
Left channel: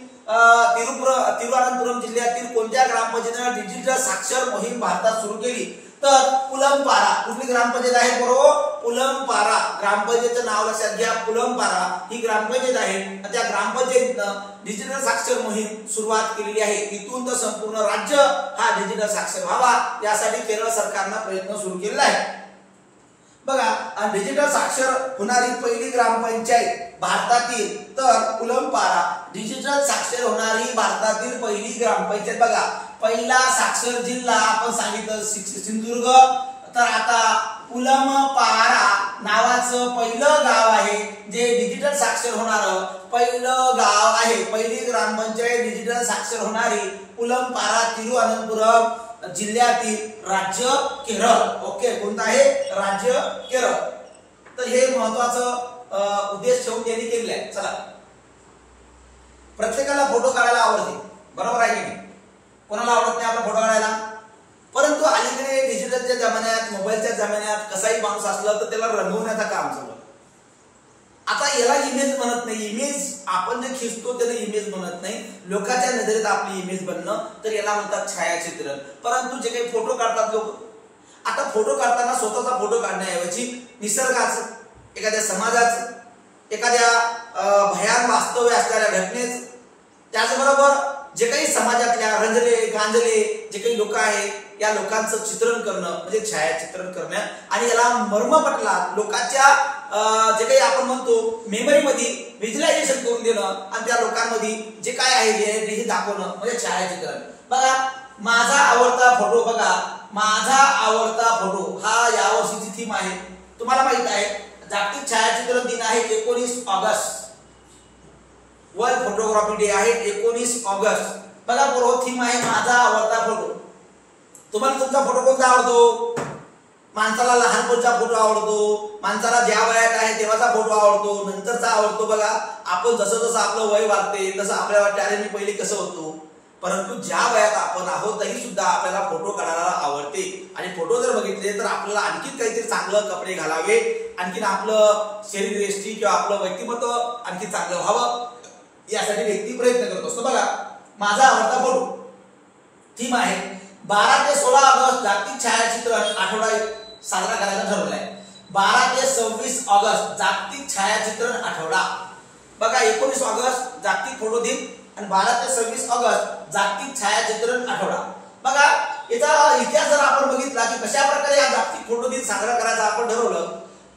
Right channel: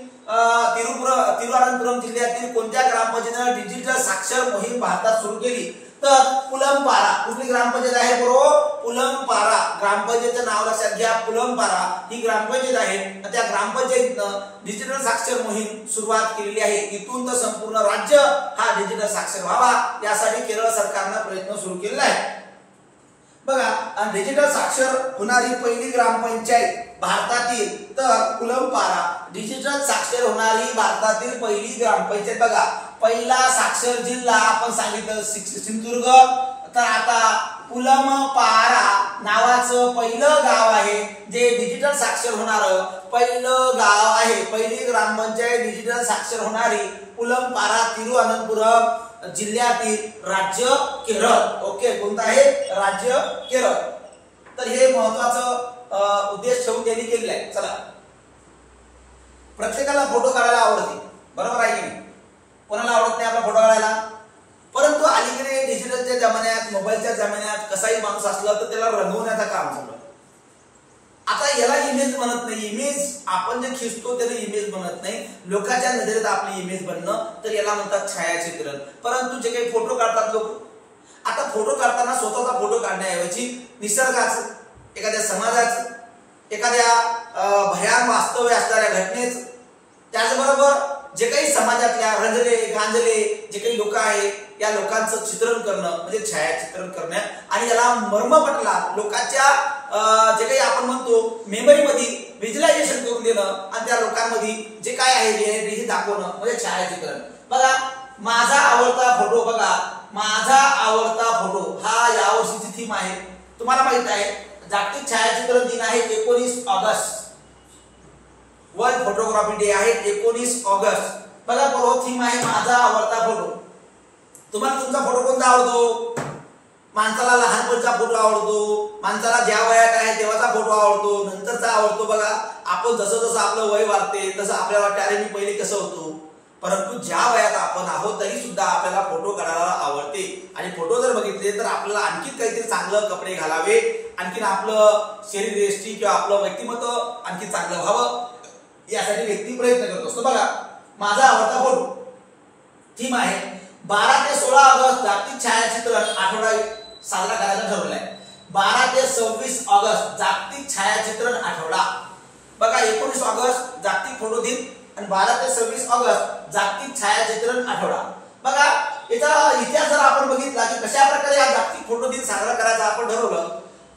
तिरुवनंतपुरम जिल्ह्यातील कोणत्या ग्रामपंचायतीने डिजिटल साक्षर मोहीम भारतात सुरू केली? तर पुलंपारा. कुठली ग्रामपंचायत आहे? बरोबर, पुलंपारा ग्रामपंचायतीचं नाव लक्षात घ्या. पुलंपारा ही ग्रामपंचायत आहे, त्या ग्रामपंचायतीनं डिजिटल साक्षर मोहीम सुरुवात केलेली आहे. इथून तर संपूर्ण राज्य हा डिजिटल साक्षर व्हावा यासाठी केरळ सरकारनं प्रयत्न सुरू केलेला आहे. बघा, डिजिटल साक्षर होणारी पहिली ग्रामपंचायत भारतातील तर पुलंपारा. डिजिटल साक्षर होणारी भारतातील पहिली ग्रामपंचायत. बघा, पहिला साक्षर जिल्हा आपण सांगितलं सिंधुदुर्ग, तर आता पुलंपारा नावाचं पहिलं गाव आहे जे डिजिटल साक्षर होणारं पहिलं गाव आहे. पहिली ग्रामपंचायत डिजिटल साक्षर होणारी पुलंपारा, तिरुवनंतपुरम जिल्ह्यातील राज्य केरळ. ओके, कोणतं आहे? राज्य केरळ. तर हे महत्वाचं उद्देश ठेवून त्यांनी केलेलं आहे. चला, प्रत्येकाला फोटो काढायला आवडते, बरोबर आहे की नाही? कोणाला आवडत नाही आपला फोटो काढायला? परंतु अलीकडे डिजिटलच्या जमान्यात, मोबाईलच्या जमान्यात कसाही माणूस असला तर त्याला रंगवण्याचं काम चालू आहे. आता याला इमेज बनत नाही. इमेज आपण जे खिचतो त्याला इमेज बनत नाही. लोकांच्या नजरेत आपली इमेज बनणं, तर याला म्हणतात छायाचित्रण. परंतु जे काही फोटो काढतात लोक, आता फोटो काढताना स्वतःचा फोटो काढण्याऐवजी निसर्गाचं, एखाद्या समाजाचं, एखाद्या भयान वास्तव्य असणाऱ्या घटनेचं, त्याचबरोबर जे काही समाजातल्या रंजले गांजले जे काही लोक आहेत या लोकांचं चित्रण करणं म्हणजे छायाचित्रण करणं, आणि याला मर्मपटला लोकांच्या जे काही आपण म्हणतो मेमरीमध्ये व्हिज्युअलायझेशन करून देणं, आणि त्या लोकांमध्ये जे काय आहे हे दाखवणं म्हणजे छायाचित्रण. बघा, माझा आवडता फोटो. बघा, माझा आवडता फोटो हा यावर्षीची थीम आहे. तुम्हाला माहित आहे जागतिक छायाचित्रण दिन आहे 19 ऑगस्ट. वर्ल्ड फोटोग्राफी डे आहे 19 ऑगस्ट. बघा, बरोबर थीम आहे माझा आवडता फोटो. तुम्हाला तुमचा फोटो कोणता आवडतो? माणसाला लहानपणचा फोटो आवडतो, माणसाला ज्या वयात आहे तेव्हाचा फोटो आवडतो, नंतरचा आवडतो. बघा, आपण जसं जसं आपलं वय वाढते तसं आपल्याला वाटते अरे मी पहिले कसं होतो. परंतु ज्या वयात आपण आहोत तरी सुद्धा आपल्याला फोटो काढायला आवडते, आणि फोटो जर बघितले तर आपल्याला आणखीन काहीतरी चांगलं कपडे घालावे, आणखीन आपलं शरीर यष्टी किंवा आपलं व्यक्तिमत्व आणखी चांगलं व्हावं यासाठी व्यक्ती प्रयत्न करत असतो. बघा, माझा आवडता फोटो थीम आहे 12 ते 16 ऑगस्ट जागतिक छायाचित्रण आठवडा साजरा करायचा ठरवलाय. 12 ते 26 ऑगस्ट जागतिक छायाचित्रण आठवडा. बघा, 19 ऑगस्ट जागतिक फोटो दिन आणि 12 ते 26 ऑगस्ट जागतिक छायाचित्रण आठवडा. बघा, याचा इतिहास जर आपण बघितला की कशा प्रकारे हा जागतिक फोटो दिन साजरा करायचा आपण ठरवलं.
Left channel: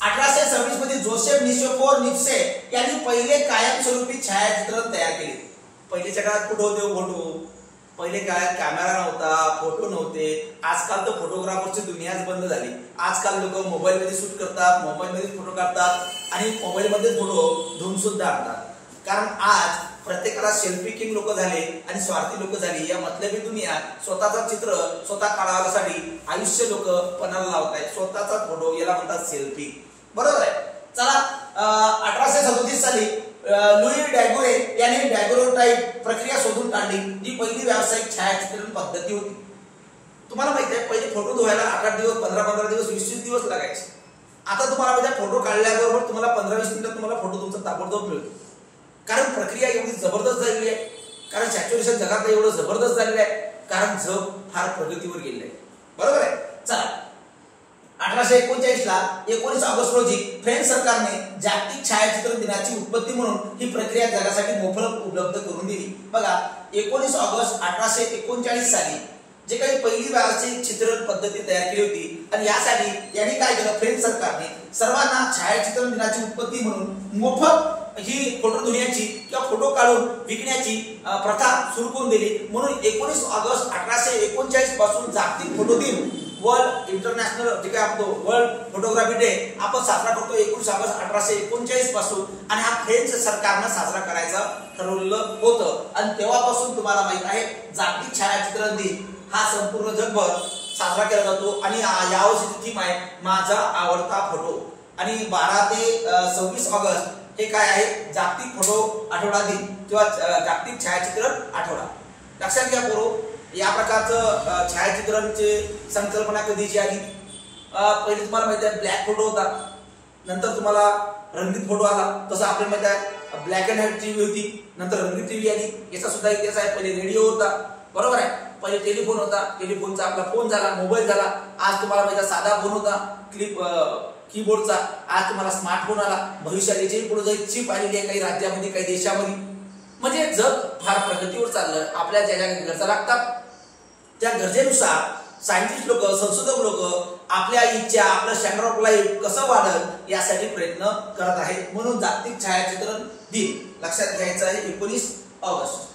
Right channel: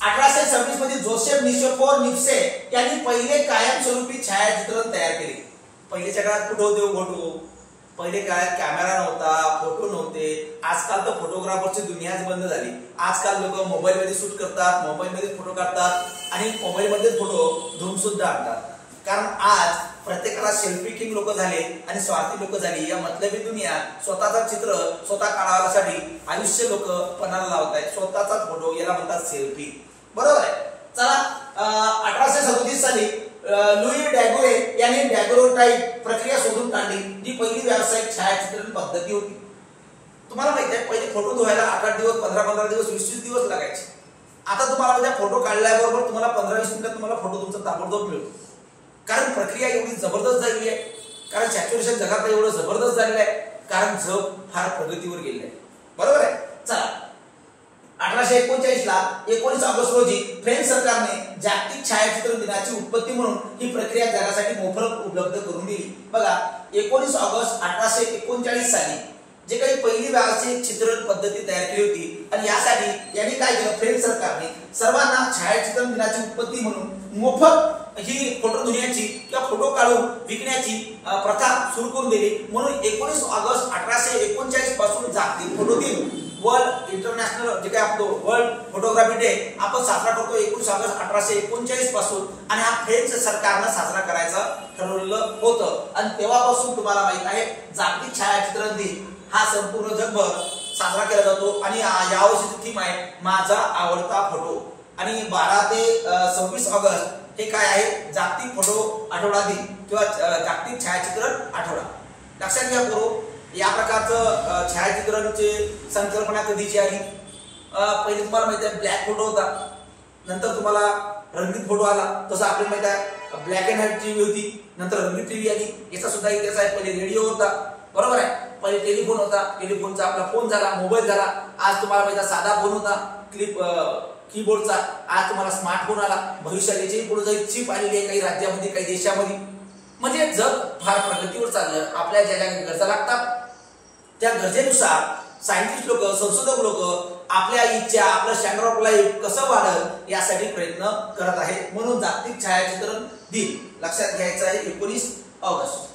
1826 मध्ये जोसेफ निशोफोर निप्से यांनी पहिले कायमस्वरूपी छायाचित्रण तयार केले. पहिल्याच्या काळात कुठे होते फोटो? पहिले काळात कॅमेरा नव्हता, फोटो नव्हते. आजकाल तर फोटोग्राफरची दुनियाच बंद झाली. आजकाल लोक मोबाईल मध्ये शूट करतात, मोबाईल मध्ये फोटो काढतात, आणि मोबाईल मध्ये फोटो धुवून सुद्धा आणतात. कारण आज प्रत्येकाला सेल्फी किंग लोक झाले आणि स्वार्थी लोक झाली. या मतलबी दुनिया स्वतःचं चित्र स्वतः काढण्यासाठी आयुष्य लोक पणाला लावत आहेत. स्वतःचा फोटो याला म्हणतात सेल्फी. बरोबर आहे. चला 1837 साली लुई डॅगोरे याने डॅगोरोटाइप प्रक्रिया शोधून काढली, जी पहिली व्यावसायिक छायाचित्रण पद्धती होती. तुम्हाला माहिती आहे पहिले फोटो धुवायला 8 दिवस 15 दिवस 20 दिवस लागायचे. आता तुम्हाला म्हणजे फोटो काढल्याबरोबर तुम्हाला 15-20 मिनिटात तुम्हाला फोटो तुमचा ताबडतोब मिळतो. कारण प्रक्रिया एवढी जबरदस्त झालेली आहे, कारण सॅच्युरेशन जगात एवढं जबरदस्त झालेलं आहे, कारण जग फार प्रगतीवर गेलेलं आहे. बरोबर आहे. चला 1839 ला 19 ऑगस्ट रोजी फ्रेंच सरकारने जागतिक छायाचित्रण दिनाची उत्पत्ती म्हणून ही प्रक्रिया जगासाठी मोफत उपलब्ध करून दिली. बघा 19 ऑगस्ट 1839 साली जे काही पहिली व्यावसायिक चित्रण पद्धती तयार केली होती आणि यासाठी यांनी काय केलं, फ्रेंच सरकारने सर्वांना छायाचित्रण दिनाची उत्पत्ती म्हणून मोफत ही फोटो धुण्याची किंवा फोटो काढून विकण्याची प्रथा सुरू करून दिली. म्हणून 19 ऑगस्ट 1839 पासून जागतिक फोटो दिन, वर्ल्ड इंटरनॅशनल जे काय आपलं वर्ल्ड फोटोग्राफी डे आपण साजरा करतो 19 ऑगस्ट 1839 पासून. आणि हा फ्रेंच सरकारनं साजरा करायचा ठरवलेलं होतं. आणि तेव्हापासून तुम्हाला माहित आहे जागतिक छायाचित्रण दिन हा संपूर्ण जगभर साजरा केला जातो. आणि यावर्षीची थीम आहे माझा आवडता फोटो. आणि 12 ते 26 ऑगस्ट हे काय आहे, जागतिक फोटो आठवडा दिन किंवा जागतिक छायाचित्रण आठवडा. लक्षात घ्या करू, या प्रकारचं छायाचित्रणची संकल्पना कधीची आली. पहिले तुम्हाला माहिती आहे ब्लॅक फोटो होता, नंतर तुम्हाला रंगीत फोटो आला. तसं आपल्याला माहिती आहे ब्लॅक अँड व्हाईट टीव्ही होती, नंतर रंगीत टीव्ही आली. याचा सुद्धा इतिहास आहे. पहिले रेडिओ होता, बरोबर आहे. पहिले टेलिफोन होता, टेलिफोनचा आपला फोन झाला, मोबाईल झाला. आज तुम्हाला माहिती आहे साधा फोन होता कीबोर्डचा, आज तुम्हाला स्मार्टफोन आला. भविष्यात याची पुढे जाईल चिप आलेली आहे काही राज्यामध्ये काही देशामध्ये. म्हणजे जग फार प्रगतीवर चाललं. आपल्या ज्या ज्या गरजा लागतात त्या गरजेनुसार सायंटिस्ट लोक, संशोधक लोक आपल्या इच्छा, आपलं स्टँडर्ड ऑफ लाईफ कसं वाढेल यासाठी प्रयत्न करत आहेत. म्हणून जागतिक छायाचित्रण दिन लक्षात घ्यायचं आहे 19 ऑगस्ट.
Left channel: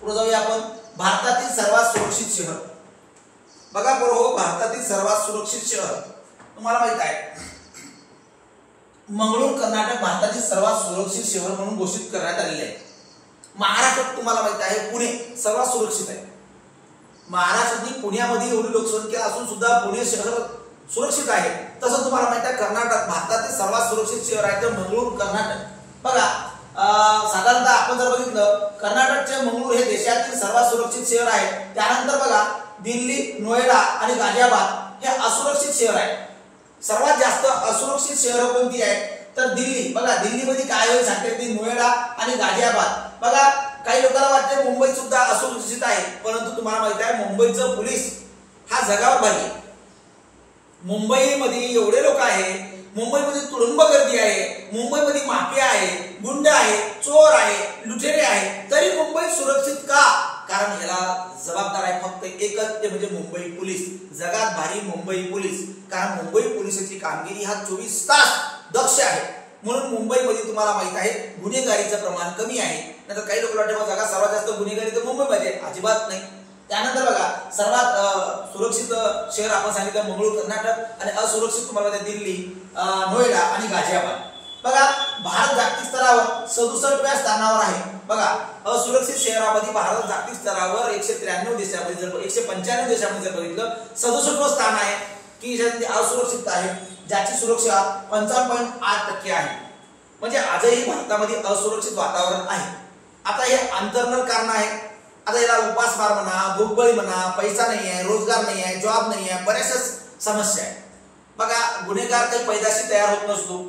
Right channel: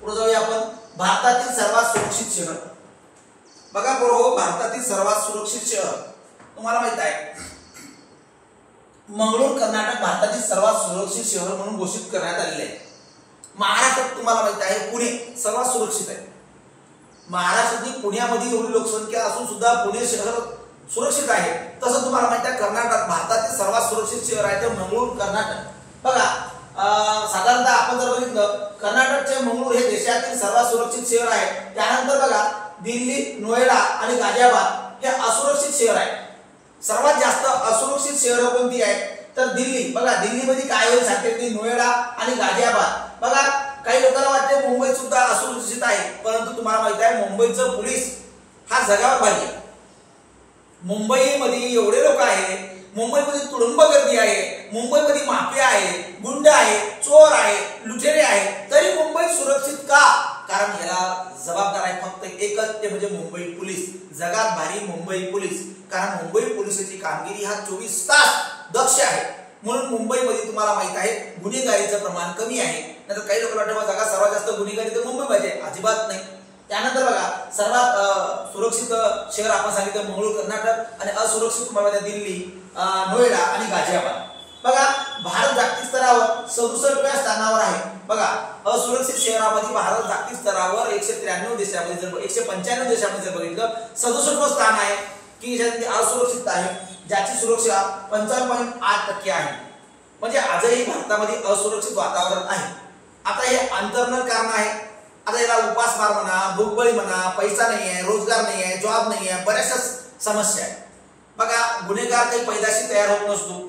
पुढे जाऊया आपण. भारतातील सर्वात सुरक्षित शहर. बघा बरोबर, भारतातील सर्वात सुरक्षित शहर तुम्हाला माहित आहे मंगळूर कर्नाटक भारतातील सर्वात सुरक्षित शहर म्हणून घोषित करण्यात आलेले आहे. महाराष्ट्रात तुम्हाला माहित आहे पुणे सर्वात सुरक्षित आहे. महाराष्ट्रातील पुण्यामध्ये एवढी लोकसंख्या असून सुद्धा पुणे शहर सुरक्षित आहे. तसं तुम्हाला माहित आहे कर्नाटक भारतातील सर्वात सुरक्षित शहर आहे ते मंगळूर कर्नाटक. बघा साधारणतः आपण जर बघितलं कर्नाटकचे मंगळूर हे देशातील सर्वात सुरक्षित शहर आहे. त्यानंतर बघा दिल्ली, नोएडा आणि गाझियाबाद हे असुरक्षित शहर आहे. सर्वात जास्त असुरक्षित शहर कोणती आहे तर दिल्ली. बघा दिल्लीमध्ये काय होईल सांगते की नोएडा आणि गाझियाबाद. बघा काही लोकांना वाटते मुंबई सुद्धा असुरक्षित आहे, परंतु तुम्हाला माहिती आहे मुंबईचं पोलीस हा जगावर भारी आहे. मुंबईमध्ये एवढे लोक आहे, मुंबईमध्ये तुडुंब गर्दी आहे, मुंबईमध्ये माफिया आहे, गुंड आहे, चोर आहे, लुटेरे आहे, तरी मुंबई सुरक्षित का? कारण याला जबाबदार आहे फक्त एकच, ते म्हणजे मुंबई पोलीस. जगात भारी मुंबई पोलीस. कारण मुंबई पोलिसांची कामगिरी हा 24 तास दक्ष आहे. म्हणून मुंबईमध्ये तुम्हाला माहित आहे गुन्हेगारीचं प्रमाण कमी आहे. नंतर काही लोक वाटतं जगात सर्वात जास्त गुन्हेगारी तर मुंबईमध्ये आहे, अजिबात नाही. त्यानंतर बघा सर्वात सुरक्षित शहर आपण सांगितलं मंगळूर कर्नाटक आणि असुरक्षित तुम्हाला दिल्ली, नोएडा आणि गाझियाबाद. बघा भारत जागतिक स्तरावर 67व्या स्थानावर आहे. बघा असुरक्षित शहरामध्ये भारत जागतिक स्तरावर 193 देशामध्ये जर 195 देशामध्ये जर बघितलं 67वं स्थान आहे की ज्यामध्ये असुरक्षित आहे, ज्याची सुरक्षा 55.8% आहे. म्हणजे आजही भारतामध्ये असुरक्षित वातावरण आहे. आता हे अंतर्गत कारण आहे. आता याला उपासमार म्हणा, भूकबळी म्हणा, पैसा नाही आहे, रोजगार नाही आहे, जॉब नाही आहे, बऱ्याचशा समस्या आहेत. बघा गुन्हेगार काही पैदाशी तयार होत नसतो.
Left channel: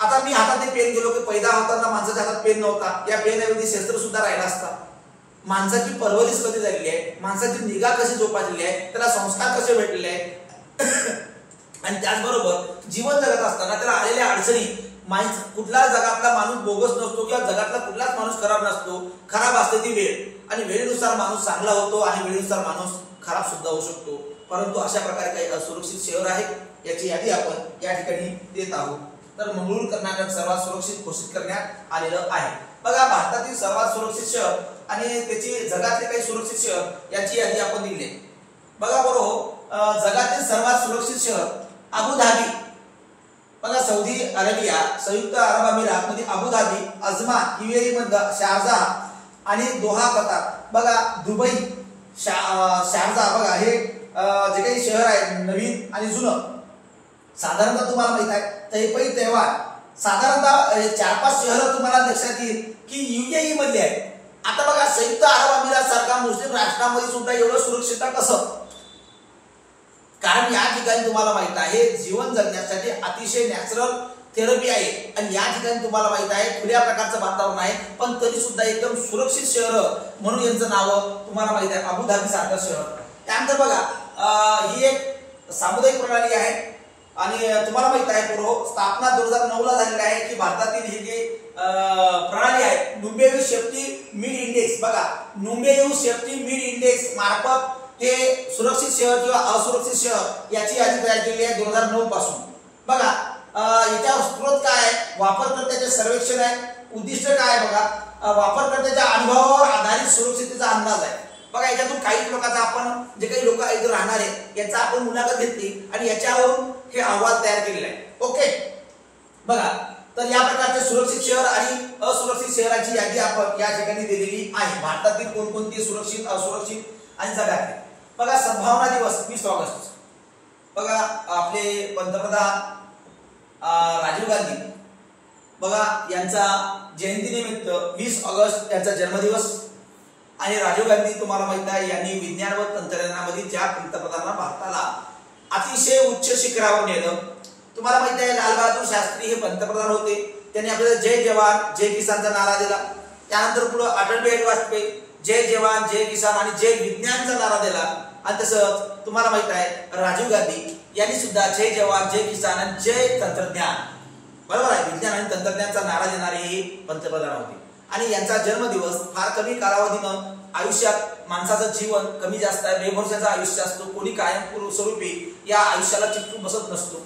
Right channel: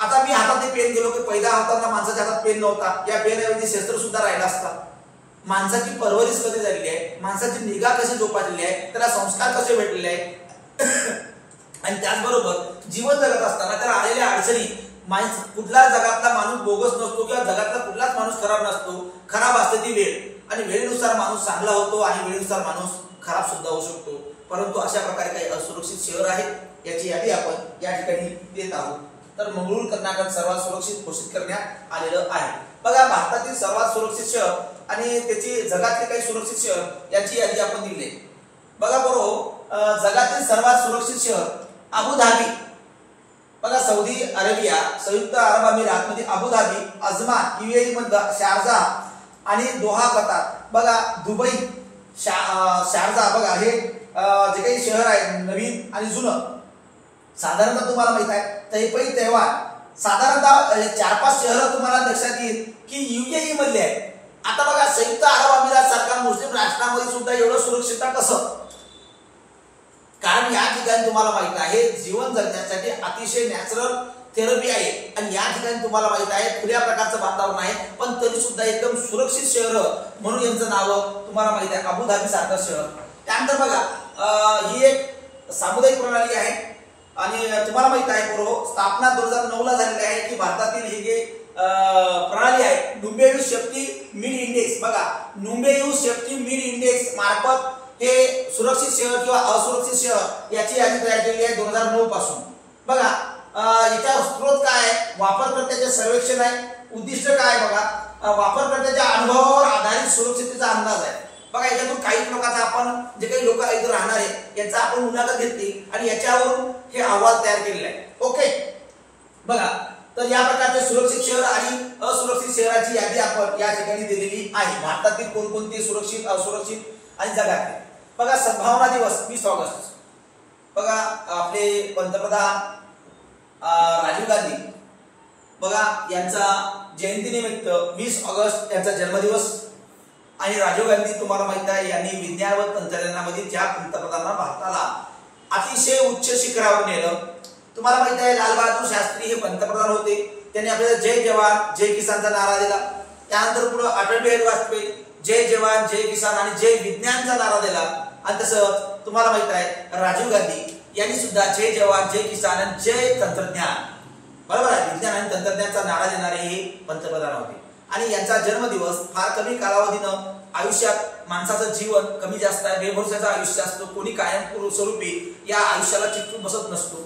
आता मी हातात पेन गेलो की पैदा होताना माणसाच्या हातात पेन नव्हता, या पेनऐवजी शस्त्र सुद्धा राहिला असता. माणसाची परवरिश कधी झालेली आहे, माणसाची निगा कशी जोपासलेली आहे, त्याला संस्कार कसे भेटलेले आहेत आणि त्याचबरोबर जीवन जगत असताना त्याला आलेल्या अडचणी, कुठला जगातला माणूस बोगस नसतो किंवा जगातला कुठलाच माणूस खराब नसतो. खराब असते ती वेळ, आणि वेळेनुसार माणूस चांगला होतो आणि वेळेनुसार माणूस खराब सुद्धा होऊ शकतो. परंतु अशा प्रकारे काही असुरक्षित शहर आहेत, याची यादी आपण या ठिकाणी देत आहोत. तर मंगळूर कर्नाटक सर्वात सुरक्षित घोषित करण्यात आलेलं आहे. बघा भारतातील सर्वात सुरक्षित शहर आणि त्याची जगातले काही सुरक्षित शहर याची यादी आपण दिली आहे. बघा बरोबर जगातील सर्वात सुरक्षित शहर अबुधाबी. बघा सौदी अरेबिया, संयुक्त अरब अमिरात मध्ये अबुधाबी, अजमान, UAE मधला शारजाह आणि दोहा कतार. बघा दुबई, शारजाह, बघा हे जे काही शहर आहे नवीन आणि जुनं, साधारणतः तुम्हाला माहित आहे तैपई तैवान, साधारणतः 4-5 शहरं तुम्हाला लक्षात येईल की UAE मधले आहेत. आता बघा संयुक्त अरब अमिरात सारखा मुस्लिम राष्ट्रामध्ये सुद्धा एवढं सुरक्षितता कसं? कारण या ठिकाणी तुम्हाला माहित आहे जीवन जगण्यासाठी अतिशय नॅचरल थेरपी आहे आणि या ठिकाणी तुम्हाला माहित आहे खुल्या प्रकारचं वातावरण आहे, पण तरी सुद्धा एकदम सुरक्षित शहर म्हणून यांचं नाव तुम्हाला माहित आहे अबुधाबी सारखं शहर. त्यानंतर बघा ही एक सामुदायिक प्रणाली आहे आणि तुम्हाला माहित आहे पूर्व स्थापना 2009 ला झालेली आहे की भारतातील ही जी प्रणाली आहे नुंबेयू सेफ्टी मिड इंडेक्स, बघा नुंबेयू सेफ्टी मिड इंडेक्स मार्फत हे सुरक्षित शहर किंवा असुरक्षित शहर याची यादी तयार केली आहे 2009 पासून. बघा याचा स्रोत काय आहे? वापरकर्त्याचे सर्वेक्षण आहे. उद्दिष्ट काय आहे? बघा वापरकर्त्याच्या अनुभवावर आधारित सुरक्षिततेचा अंदाज आहे. बघा याच्यातून काही लोकांचा आपण जे काही लोक इथे राहणार आहे यांचा आपण मुलाखत घेतली आणि याच्यावरून हे अहवाल तयार केलेला आहे. ओके, बघा तर या प्रकारचे सुरक्षित शहर आणि असुरक्षित शहराची यादी आपण या ठिकाणी दिलेली आहे. भारतातील कोणकोणती सुरक्षित, असुरक्षित आणि जगातील. बघा सद्भावना दिवस 20 ऑगस्ट. बघा आपले पंतप्रधान राजीव गांधी, बघा यांचा जयंतीनिमित्त 20 ऑगस्ट यांचा जन्मदिवस. आणि राजीव गांधी तुम्हाला माहित आहे यांनी विज्ञान व तंत्रज्ञानामध्ये ज्या पंतप्रधानांना भारताला अतिशय उच्च शिखरावर नेलं. तुम्हाला माहित आहे लालबहादूर शास्त्री हे पंतप्रधान होते. त्यांनी आपल्याला जय जवान जय किसानचा नारा दिला. त्यानंतर पुढे अटल बिहारी वाजपेयी जय जवान जय किसान आणि जय विज्ञानचा नारा दिला. आणि तसंच तुम्हाला माहित आहे राजीव गांधी यांनी सुद्धा जय जवान जय किसान आणि जय तंत्रज्ञान, बरोबर आहे, विज्ञान आणि तंत्रज्ञानाचा नारा देणारे हे पंतप्रधान होते. आणि यांचा जन्मदिवस फार कमी कालावधीनं आयुष्यात माणसाचं जीवन कमी जास्त आहे, बेभरवशाचं आयुष्य असतो, कोणी कायम स्वरूपी या आयुष्याला चिकटून बसत नसतो,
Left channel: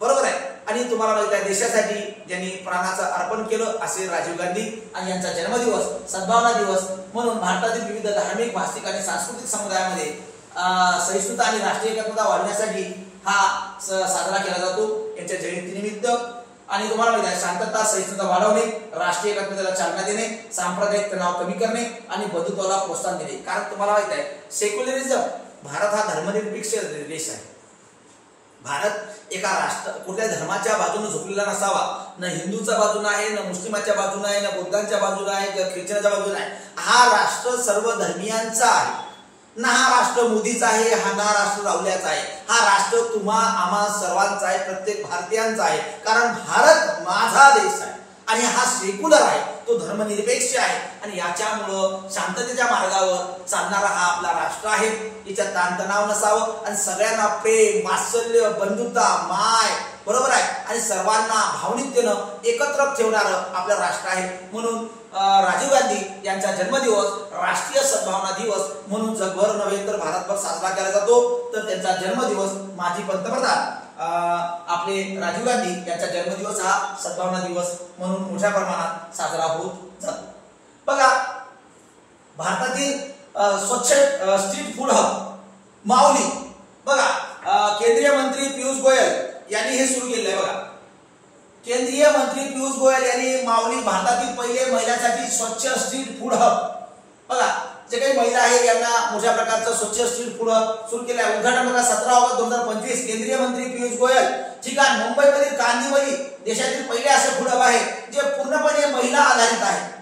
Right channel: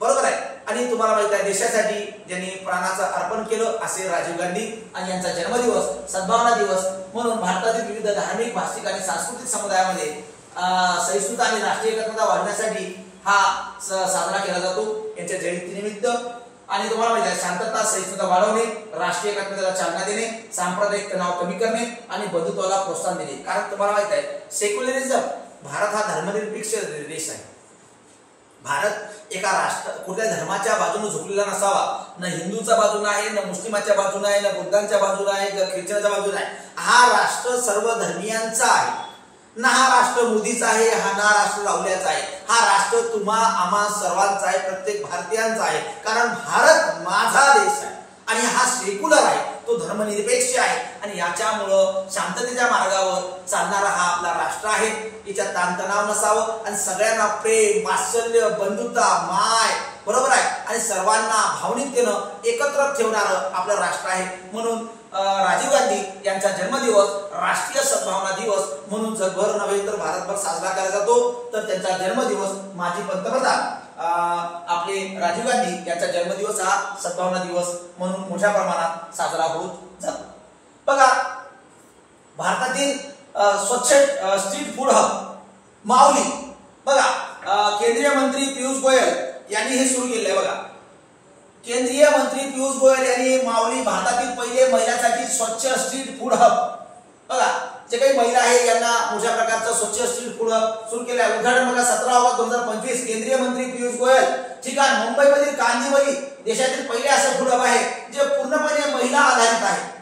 बरोबर आहे. आणि तुम्हाला माहित आहे देशासाठी ज्यांनी प्राणाचं अर्पण केलं असे राजीव गांधी. आणि यांचा जन्मदिवस सद्भावना दिवस म्हणून भारतातील विविध धार्मिक, भाषिक आणि सांस्कृतिक समुदायामध्ये सहिष्णुता आणि राष्ट्रीय एकात्मता वाढवण्यासाठी हा साजरा केला जातो यांच्या जयंतीनिमित्त. आणि तुम्हाला माहिती आहे शांतता, सहिष्णुता वाढवणे, राष्ट्रीय एकात्मतेला चालना देणे, सांप्रदायिक तणाव कमी करणे आणि बंधुत्वाला प्रोत्साहन देणे. कारण तुम्हाला माहित आहे सेक्युलरिझम, भारत हा धर्मनिरपेक्ष देश आहे. भारत एका राष्ट्र कुठल्या धर्माच्या बाजूने झुकलेला नसावा, न हिंदूच्या बाजूने आहे, न मुस्लिमाच्या बाजूने आहे, न बुद्धांच्या बाजूने आहे, न ख्रिश्चनाच्या बाजूने आहे. हा राष्ट्र सर्व धर्मियांचा आहे. ना हा राष्ट्र मोदीचा आहे, हा ना राष्ट्र राहुल्याचा आहे. हा राष्ट्र तुम्हा आम्हा सर्वांचा आहे, प्रत्येक भारतीयांचा आहे. कारण भारत माझा देश आहे आणि हा सेक्युलर आहे, तो धर्मनिरपेक्ष आहे. आणि याच्यामुळं शांततेच्या मार्गावर चालणारा हा आपला राष्ट्र आहे. याच्यात ताणतणाव नसावं आणि सगळ्यांना प्रेम, वात्सल्य, बंधुता, माय, बरोबर आहे, आणि सर्वांना भावनिकतेनं एकत्र ठेवणारं आपलं राष्ट्र आहे. म्हणून राजीव गांधी यांचा जन्मदिवस राष्ट्रीय सद्भावना दिवस म्हणून जगभर नव्हे तर भारतभर साजरा केला जातो. तर त्यांचा जन्मदिवस माजी पंतप्रधान आपले राजीव गांधी यांचा जन्मदिवस हा सद्भावना दिवस म्हणून मोठ्या प्रमाणात साजरा होत जातो. बघा भारतातील स्वच्छ स्ट्रीट फूड हब माऊली, बघा केंद्रीय मंत्री पियुष गोयल यांनी हे सुरू केले. बघा केंद्रीय मंत्री पियुष गोयल यांनी माऊली भारतातील पहिले महिलांसाठी स्वच्छ स्ट्रीट फूड हब, बघा जे काही महिला आहे यांना मोठ्या प्रकारचं स्वच्छ स्ट्रीट फूड हब सुरू केले आहे. उद्घाटन बघा 17 ऑगस्ट 2025 केंद्रीय मंत्री पियुष गोयल. ठिकाण मुंबईमधील कांदिवली देशातील पहिले असं फूड हब आहे जे पूर्णपणे महिला आधारित आहे.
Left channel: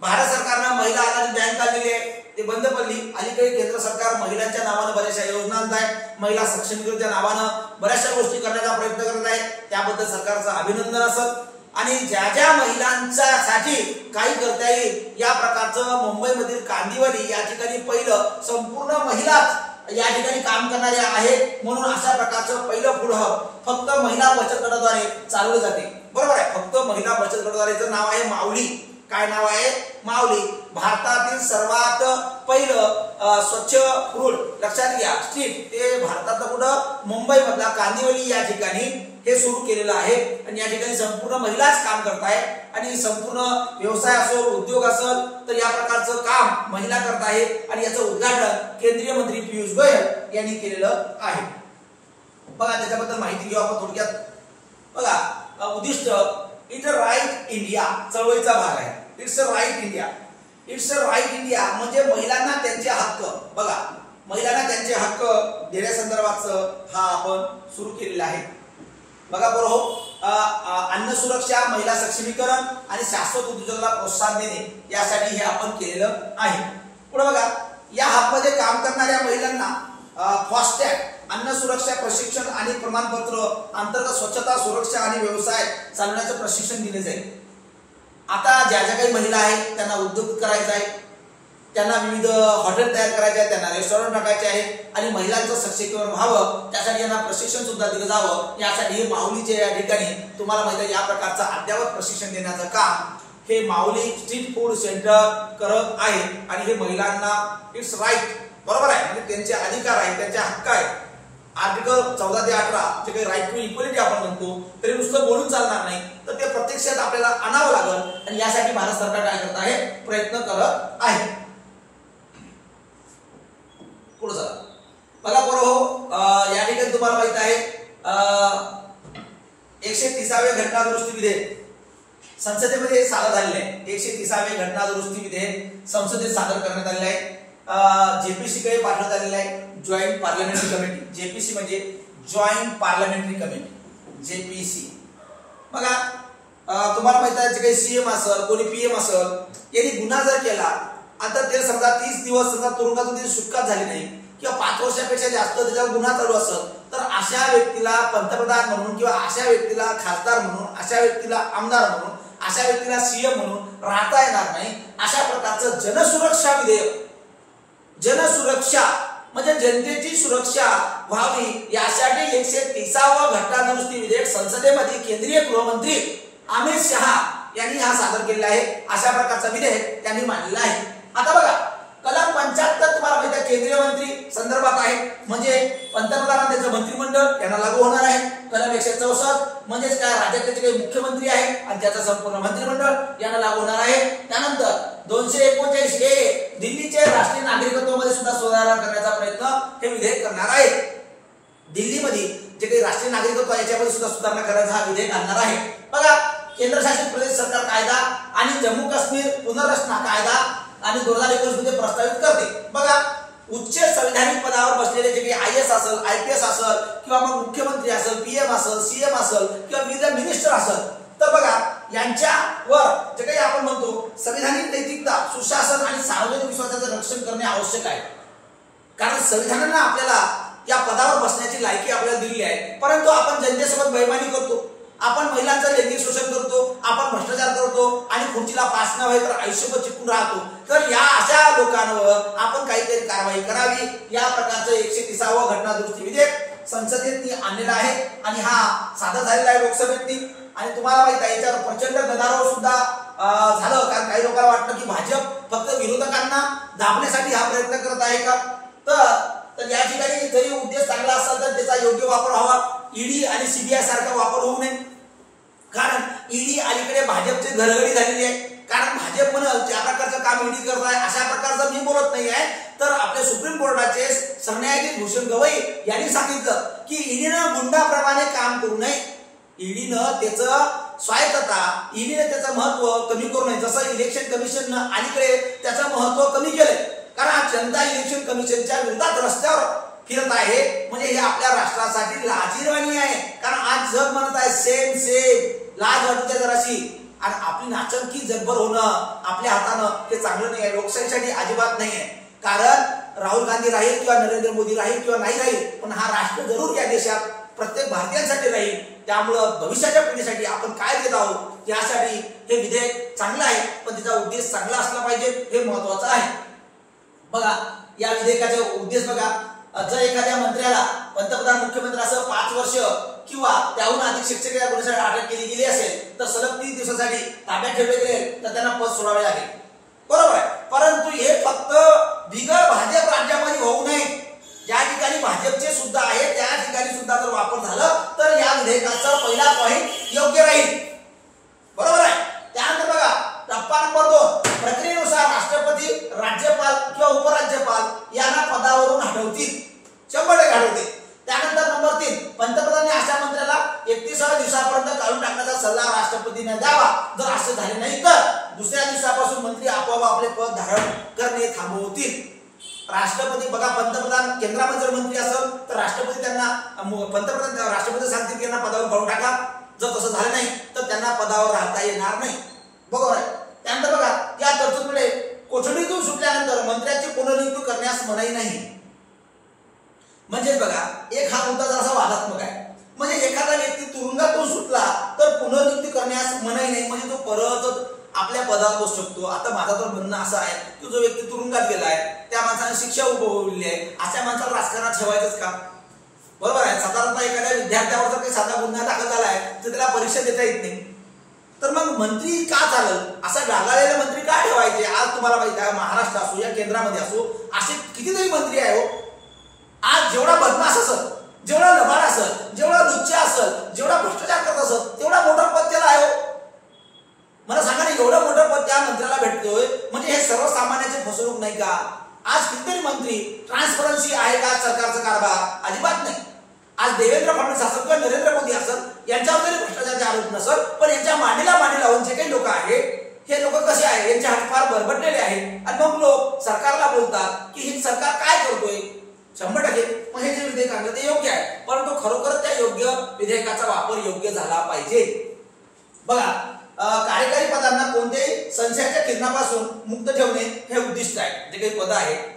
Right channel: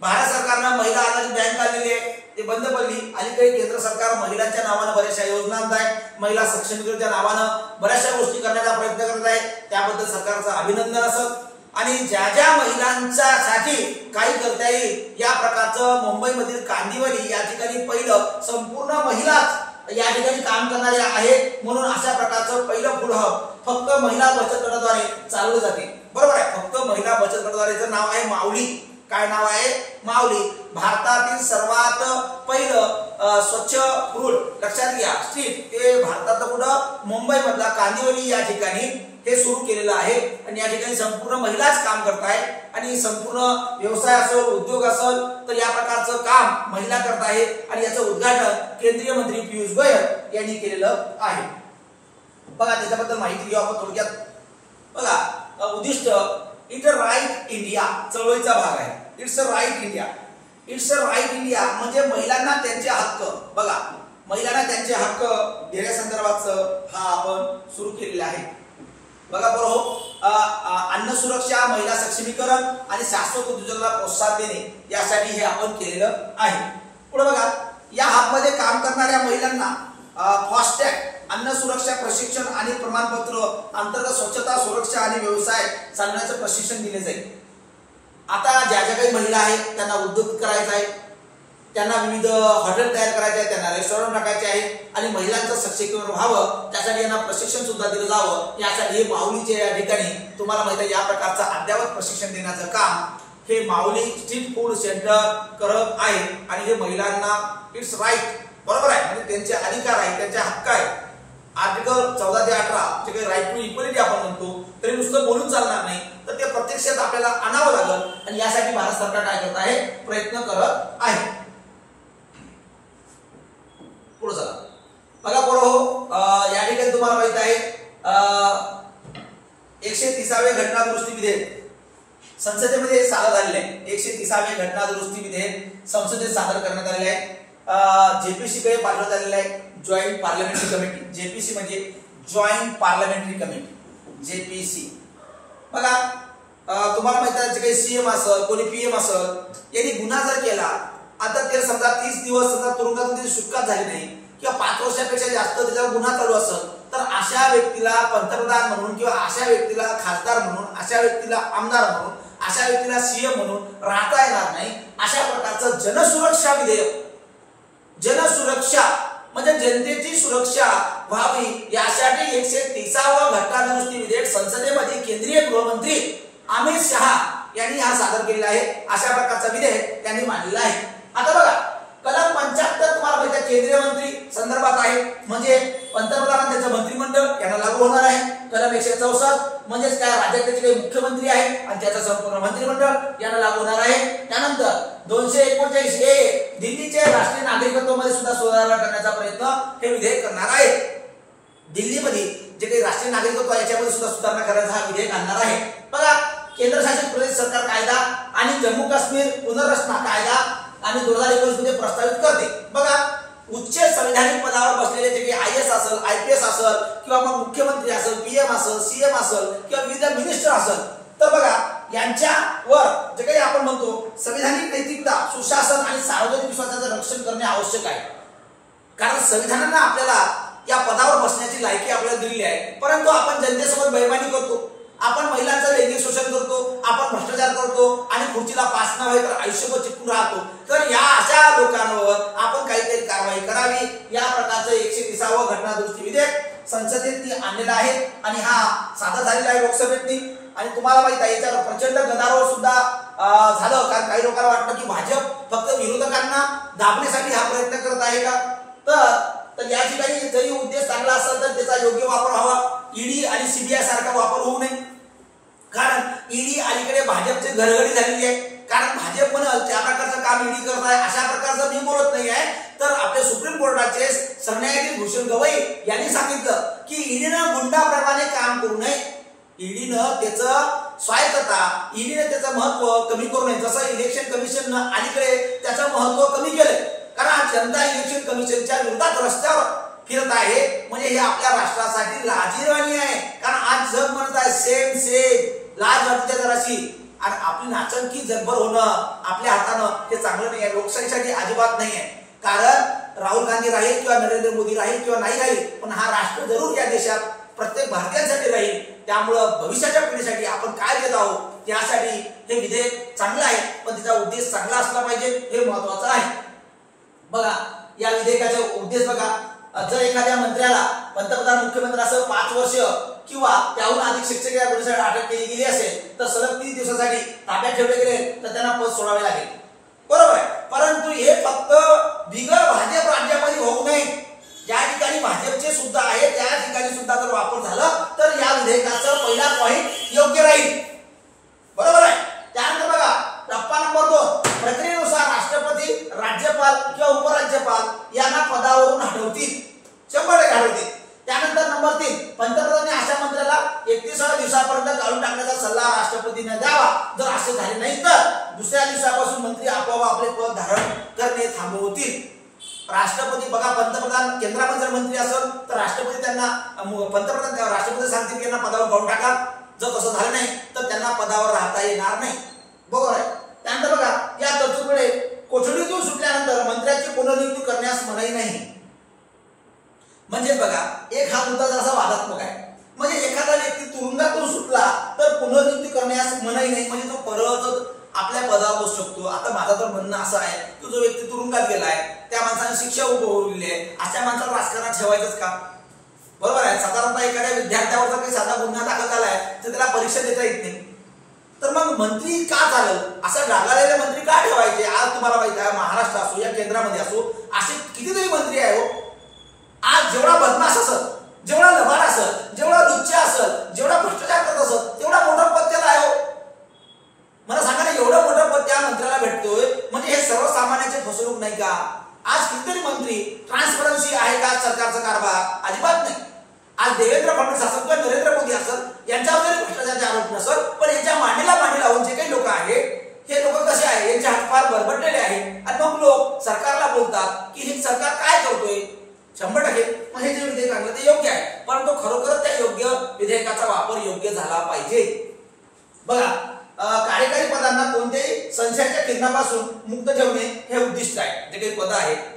भारत सरकारनं महिला आधारित बँक काढलेली आहे, ते बंद पडली. अलीकडे केंद्र सरकार महिलांच्या नावानं बऱ्याचशा योजना आणत आहे, महिला सक्षमीकरणाच्या नावानं बऱ्याचशा गोष्टी करण्याचा प्रयत्न करत आहे. त्याबद्दल सरकारचं अभिनंदन असत. आणि ज्या ज्या महिलांसाठी काही करता येईल या प्रकारचं मुंबईमधील कांदिवली या ठिकाणी पहिलं संपूर्ण महिलाच या ठिकाणी काम करणारे आहेत. म्हणून अशा प्रकारचं पहिलं फूड हब फक्त महिला बचत गटाद्वारे चालवले जाते, बरोबर आहे. फक्त महिला बचत गटाद्वारेचं नाव आहे माऊली. काय नाव आहे? माऊली. भारतातील सर्वात पहिलं स्वच्छ फूड, लक्षात घ्या, स्ट्रीट ते भारतातलं कुठं? मुंबई मधला कांदिवली या ठिकाणी हे सुरू केलेलं आहे. आणि या ठिकाणी संपूर्ण महिलाच काम करत आहेत आणि संपूर्ण व्यवसाय असेल, उद्योग असेल तर या प्रकारचं काम महिला करत आहेत. आणि याचं उद्घाटन केंद्रीय मंत्री पियुष गोयल यांनी केलेलं आहे. बघा त्याच्याबद्दल माहिती घेऊ आपण थोडक्यात. बघा उद्दिष्ट इट राईट इंडिया चळवळीचा भाग आहे. It's a right India. It's a right India म्हणजे महिलांना त्यांचे हक्क, बघा महिलांना त्यांचे हक्क देण्यासंदर्भात हा आपण सुरू केलेला आहे. बघा बरोबर, अन्न सुरक्षा, महिला सक्षमीकरण आणि शाश्वत उद्योजकला प्रोत्साहन देणे यासाठी हे आपण केलेलं आहे. पुढे बघा, या हबमध्ये काम करणाऱ्या महिलांना फास्टॅग, अन्न सुरक्षा प्रशिक्षण आणि प्रमाणपत्र अंतर्गत स्वच्छता, सुरक्षा आणि व्यवसाय चालवण्याचे प्रशिक्षण दिले जाईल. आता ज्या काही महिला आहेत त्यांना उद्योग करायचा आहे, त्यांना विविध हॉटेल तयार करायचे आहे, त्यांना रेस्टॉरंट टाकायचे आहे आणि महिलांचं सक्षमीकरण व्हावं त्यासाठी यांना प्रशिक्षण सुद्धा दिलं जावं. यासाठी हे माऊलीचे या ठिकाणी तुम्हाला माहिती आहे या प्रकारचं अद्ययावत प्रशिक्षण देण्याचं काम हे माऊली स्ट्रीट फूड सेंटर करत आहे. आणि हे महिलांना इट्स राईट, बरोबर आहे, म्हणजे त्यांचे अधिकार आहे, त्यांचे हक्क आहे. आर्टिकल 14 ते 18 जे काही राईट टू इक्वलिटी आपण म्हणतो, तरी नुसतं बोलून चालणार नाही, तर ते प्रत्यक्षात आपल्याला आणावं लागेल आणि यासाठी भारत सरकार काय करत आहे, प्रयत्न करत आहे. पुढे चला बघा बरोबर, या ठिकाणी तुम्हाला माहित आहे 130वे घटना दुरुस्ती विधेयक संसदेमध्ये सादर झालेले आहे. 130वे घटना दुरुस्ती विधेयक संसदेत सादर करण्यात आलेले आहे. जेपीसी कडे पाठवण्यात आलेला आहे, जॉईंट पार्लमेंटरी कमिटी. जेपीसी म्हणजे जॉईंट पार्लमेंटरी कमिटी, जेपीसी. बघा तुम्हाला माहिती आहे, जे काही सीएम असेल, कोणी पीएम असेल, यांनी गुन्हा जर केला, आता ते समजा 30 दिवस समजा तुरुंगातून त्याची सुटका झाली नाही किंवा 5 वर्षापेक्षा जास्त त्याच्यावर गुन्हा चालू असेल, तर अशा व्यक्तीला पंतप्रधान म्हणून किंवा अशा व्यक्तीला खासदार म्हणून, अशा व्यक्तीला आमदार म्हणून, अशा व्यक्तीला सीएम म्हणून राहता येणार नाही. अशा प्रकारचं जनसुरक्षा विधेयक, जनसुरक्षा म्हणजे जनतेची सुरक्षा व्हावी यासाठी 130वा घटना दुरुस्ती विधेयक संसदेमध्ये केंद्रीय गृहमंत्री अमित शहा यांनी हा सादर केलेला आहे. अशा प्रकारचा विधेयक त्यांनी मांडलेला आहे. आता बघा कलम 75 तुम्हाला माहिती आहे केंद्रीय मंत्री संदर्भात आहे, म्हणजे पंतप्रधान आणि त्याचं मंत्रिमंडळ यांना लागू होणार आहे. कलम 164 म्हणजेच काय, राज्याचे काही मुख्यमंत्री आहे आणि त्याचं संपूर्ण मंत्रिमंडळ यांना लागू होणार आहे. त्यानंतर 249 ए दिल्लीचे राष्ट्रीय नागरिकत्वामध्ये सुद्धा सुधारणा करण्याचा प्रयत्न हे विधेयक करणार आहे. दिल्लीमध्ये जे काही राष्ट्रीय नागरिकत्व याच्यामध्ये सुद्धा सुधारणा करण्याचा हा विधेयक आणणार आहे. बघा केंद्रशासित प्रदेश सरकार कायदा आणि जम्मू काश्मीर पुनर्रचना कायदा आणि 2019 मध्ये प्रस्तावित करते. बघा उच्च संवैधानिक पदावर बसलेले जे काही आयएस असेल, आयपीएस असेल किंवा मग मुख्यमंत्री असेल, पीएम असेल, सीएम असेल किंवा विविध मिनिस्टर असेल, तर बघा यांच्यावर जे काही आपण म्हणतो संवैधानिक नैतिकता, सुशासन आणि सार्वजनिक विश्वासाचं रक्षण करणे आवश्यक आहे. कारण संविधानानं आपल्याला या पदावर बसण्याची लायकी आपल्याला दिलेली आहे, परंतु आपण जनतेसोबत बेईमानी करतो, आपण महिलांचं लैंगिक शोषण करतो, आपण भ्रष्टाचार करतो आणि खुर्चीला पास न व्हाय तर आयुष्यभर चिपकून राहतो. तर या अशा लोकांवर आपण काहीतरी कारवाई करावी. या प्रकारचं 130वा घटना दुरुस्ती विधेयक संसदेत आणलेलं आहे आणि हा सादर झालेला आहे लोकसभेतनी. आणि तुम्हाला माहित आहे याच्यावर प्रचंड गदारोळ सुद्धा झालं, कारण काही लोकांना वाटतं की भाजप फक्त विरोधकांना दाबण्यासाठी हा प्रयत्न करत आहे का. तर या ठिकाणी जरी उद्देश चांगला असेल तर त्याचा योग्य वापर व्हावा. ईडी आणि सीबीआय सारखा वापर होऊ नये, कारण ईडी अलीकडे भाजपचे घरगडी झालेली आहे. कारण भाजप म्हणाल त्या प्रकारचं काम ईडी करत आहे अशा प्रकारचं मी बोलत नाही आहे. तर आपल्या सुप्रीम कोर्टाचे सरन्यायाधीश भूषण गवई यांनी सांगितलं की ईडीनं गुंडाप्रमाणे काम करू नये, ईडीनं त्याचं स्वायत्तता, ईडीने त्याचं महत्व कमी करू नये. जसं इलेक्शन कमिशननं अलीकडे त्याचं महत्व कमी केलंय, कारण जनता इलेक्शन कमिशनच्या विरोधात रस्त्यावर फिरत आहे, म्हणजे हे आपल्या राष्ट्रासाठी लाजिरवाणी आहे. कारण आज जग म्हणत आहे सेम सेम, लाज वाटते जराशी, आणि आपली नाचंकी जगभर होणं आपल्या हातानं हे चांगलं नाही आहे, लोकशाहीसाठी अजिबात नाही आहे. कारण राहुल गांधी राहील किंवा नरेंद्र मोदी राहील किंवा नाही राहील, पण हा राष्ट्र जरूर या देशात प्रत्येक भारतीयांसाठी राहील. त्यामुळं भविष्याच्या पिढीसाठी आपण काय देत आहोत यासाठी हे विधेयक चांगलं आहे, पण त्याचा उद्देश चांगला असला पाहिजे हे महत्वाचं आहे. बघा या विधेयकाचे उद्देश बघा, जर एखाद्या मंत्र्याला पंतप्रधान मुख्यमंत्री असं 5 वर्ष किंवा त्याहून अधिक शिक्षक या गुन्ह्यासाठी अटक केली गेली असेल तर सलग 30 दिवसासाठी ताब्यात ठेवले गेले तर त्यांना पद सोडावे लागेल, बरोबर आहे. परंतु हे फक्त बिगर भाजप राज्यामध्ये होऊ नये, ज्या ठिकाणी भाजपचे सुद्धा आहे त्या ठिकाणी सुद्धा जर वापर झाला तर या विधेयकाचा पहिला पॉइंट योग्य राहील, बरोबर आहे. त्यानंतर बघा टप्पा नंबर 2, प्रक्रियेनुसार राष्ट्रपती, राज्यपाल किंवा उपराज्यपाल यांना पदावरून हटवतील, 100% हटवतील. त्यानंतर नंबर 3, पंतप्रधानांनी अशा मंत्र्याला 31व्या दिवसापर्यंत काढून टाकण्याचा सल्ला राष्ट्रपतींना द्यावा. जर असं झाले नाही तर दुसऱ्या दिवसापासून मंत्री आपोआप आपले पद धारण करणे थांबवतील. राष्ट्रपती बघा, पंतप्रधान केंद्रामध्ये जर मंत्री असेल तर राष्ट्रपती त्यांना पंतप्रधान राष्ट्रपती सांगतील की यांना पदावर काढून टाका. जर तसं झालं नाही तर त्यांना पदावर राहता येणार नाही. बरोबर आहे. त्यानंतर बघा, या तरतुदीमुळे कोठडीतून सुटल्यानंतर मंत्र्यांची पुनर्नियुक्ती करण्यास मनाई नाही. म्हणजे बघा, एक हा मुद्दा जरासा वादात्मक आहे. म्हणजे एखादा व्यक्ती तुरुंगातून सुटला तर पुनर्नियुक्ती करण्यास मनाई नाही, म्हणजे तो परत आपल्या पदावर बसू शकतो. आता माझं तर म्हणणं असं आहे की जो व्यक्ती तुरुंगात गेलाय त्या माणसाने शिक्षा उपभोगलेली आहे, अशा माणसाला राजकारणात ठेवायचंच का? बरोबर आहे. साधारणतः एखाद्या विद्यार्थ्यावर जर काही साधा गुन्हा दाखल झालाय तर त्याला परीक्षा देता येत नाही. तर मग मंत्री का चालेल, असा डागाळलेले मंत्री का ठेवायचे? आज तुम्हाला माहिती आहे, महाराष्ट्र असो या केंद्रामध्ये असो, असे कितीतरी मंत्री आहे हो. आज जेवढा बदमाश असेल, जेवढा लबाड असेल, जेवढा लुच्चा असेल, जेवढा भ्रष्टाचार करत असेल, तेवढा मोठा पद त्याला आहे हो. मला सांगा ना, एवढं मोठं पद त्या मंत्र्याला भेटतोय म्हणजे हे सर्वसामान्यांची फसवणूक नाही का? आज कितीतरी मंत्री, ट्रान्सपरन्सी आहे का सरकारचा कारभार? अजिबात नाही. आज देवेंद्र फडणवीस असेल किंवा नरेंद्र मोदी असेल यांच्यावर जरी भ्रष्टाचाराचे आरोप नसेल, पण यांच्या मांडीला मांडी लावून जे काही लोक आहेत हे लोक कसे आहे, यांचे हात फार बरबडलेले आहेत. आणि मग लोक सरकारला बोलतात की हे सरकार काय करतोय. 100% मग हे जे विधेयक आणलं ते योग्य आहे, परंतु खरोखर त्या योग्य विधेयकाचा वापर योग्य झाला पाहिजे. बघा, कार्यकारी पदांना कोणत्याही संशयाच्या किरणापासून मुक्त ठेवणे हे उद्दिष्ट आहे. जे काही पद आहेत,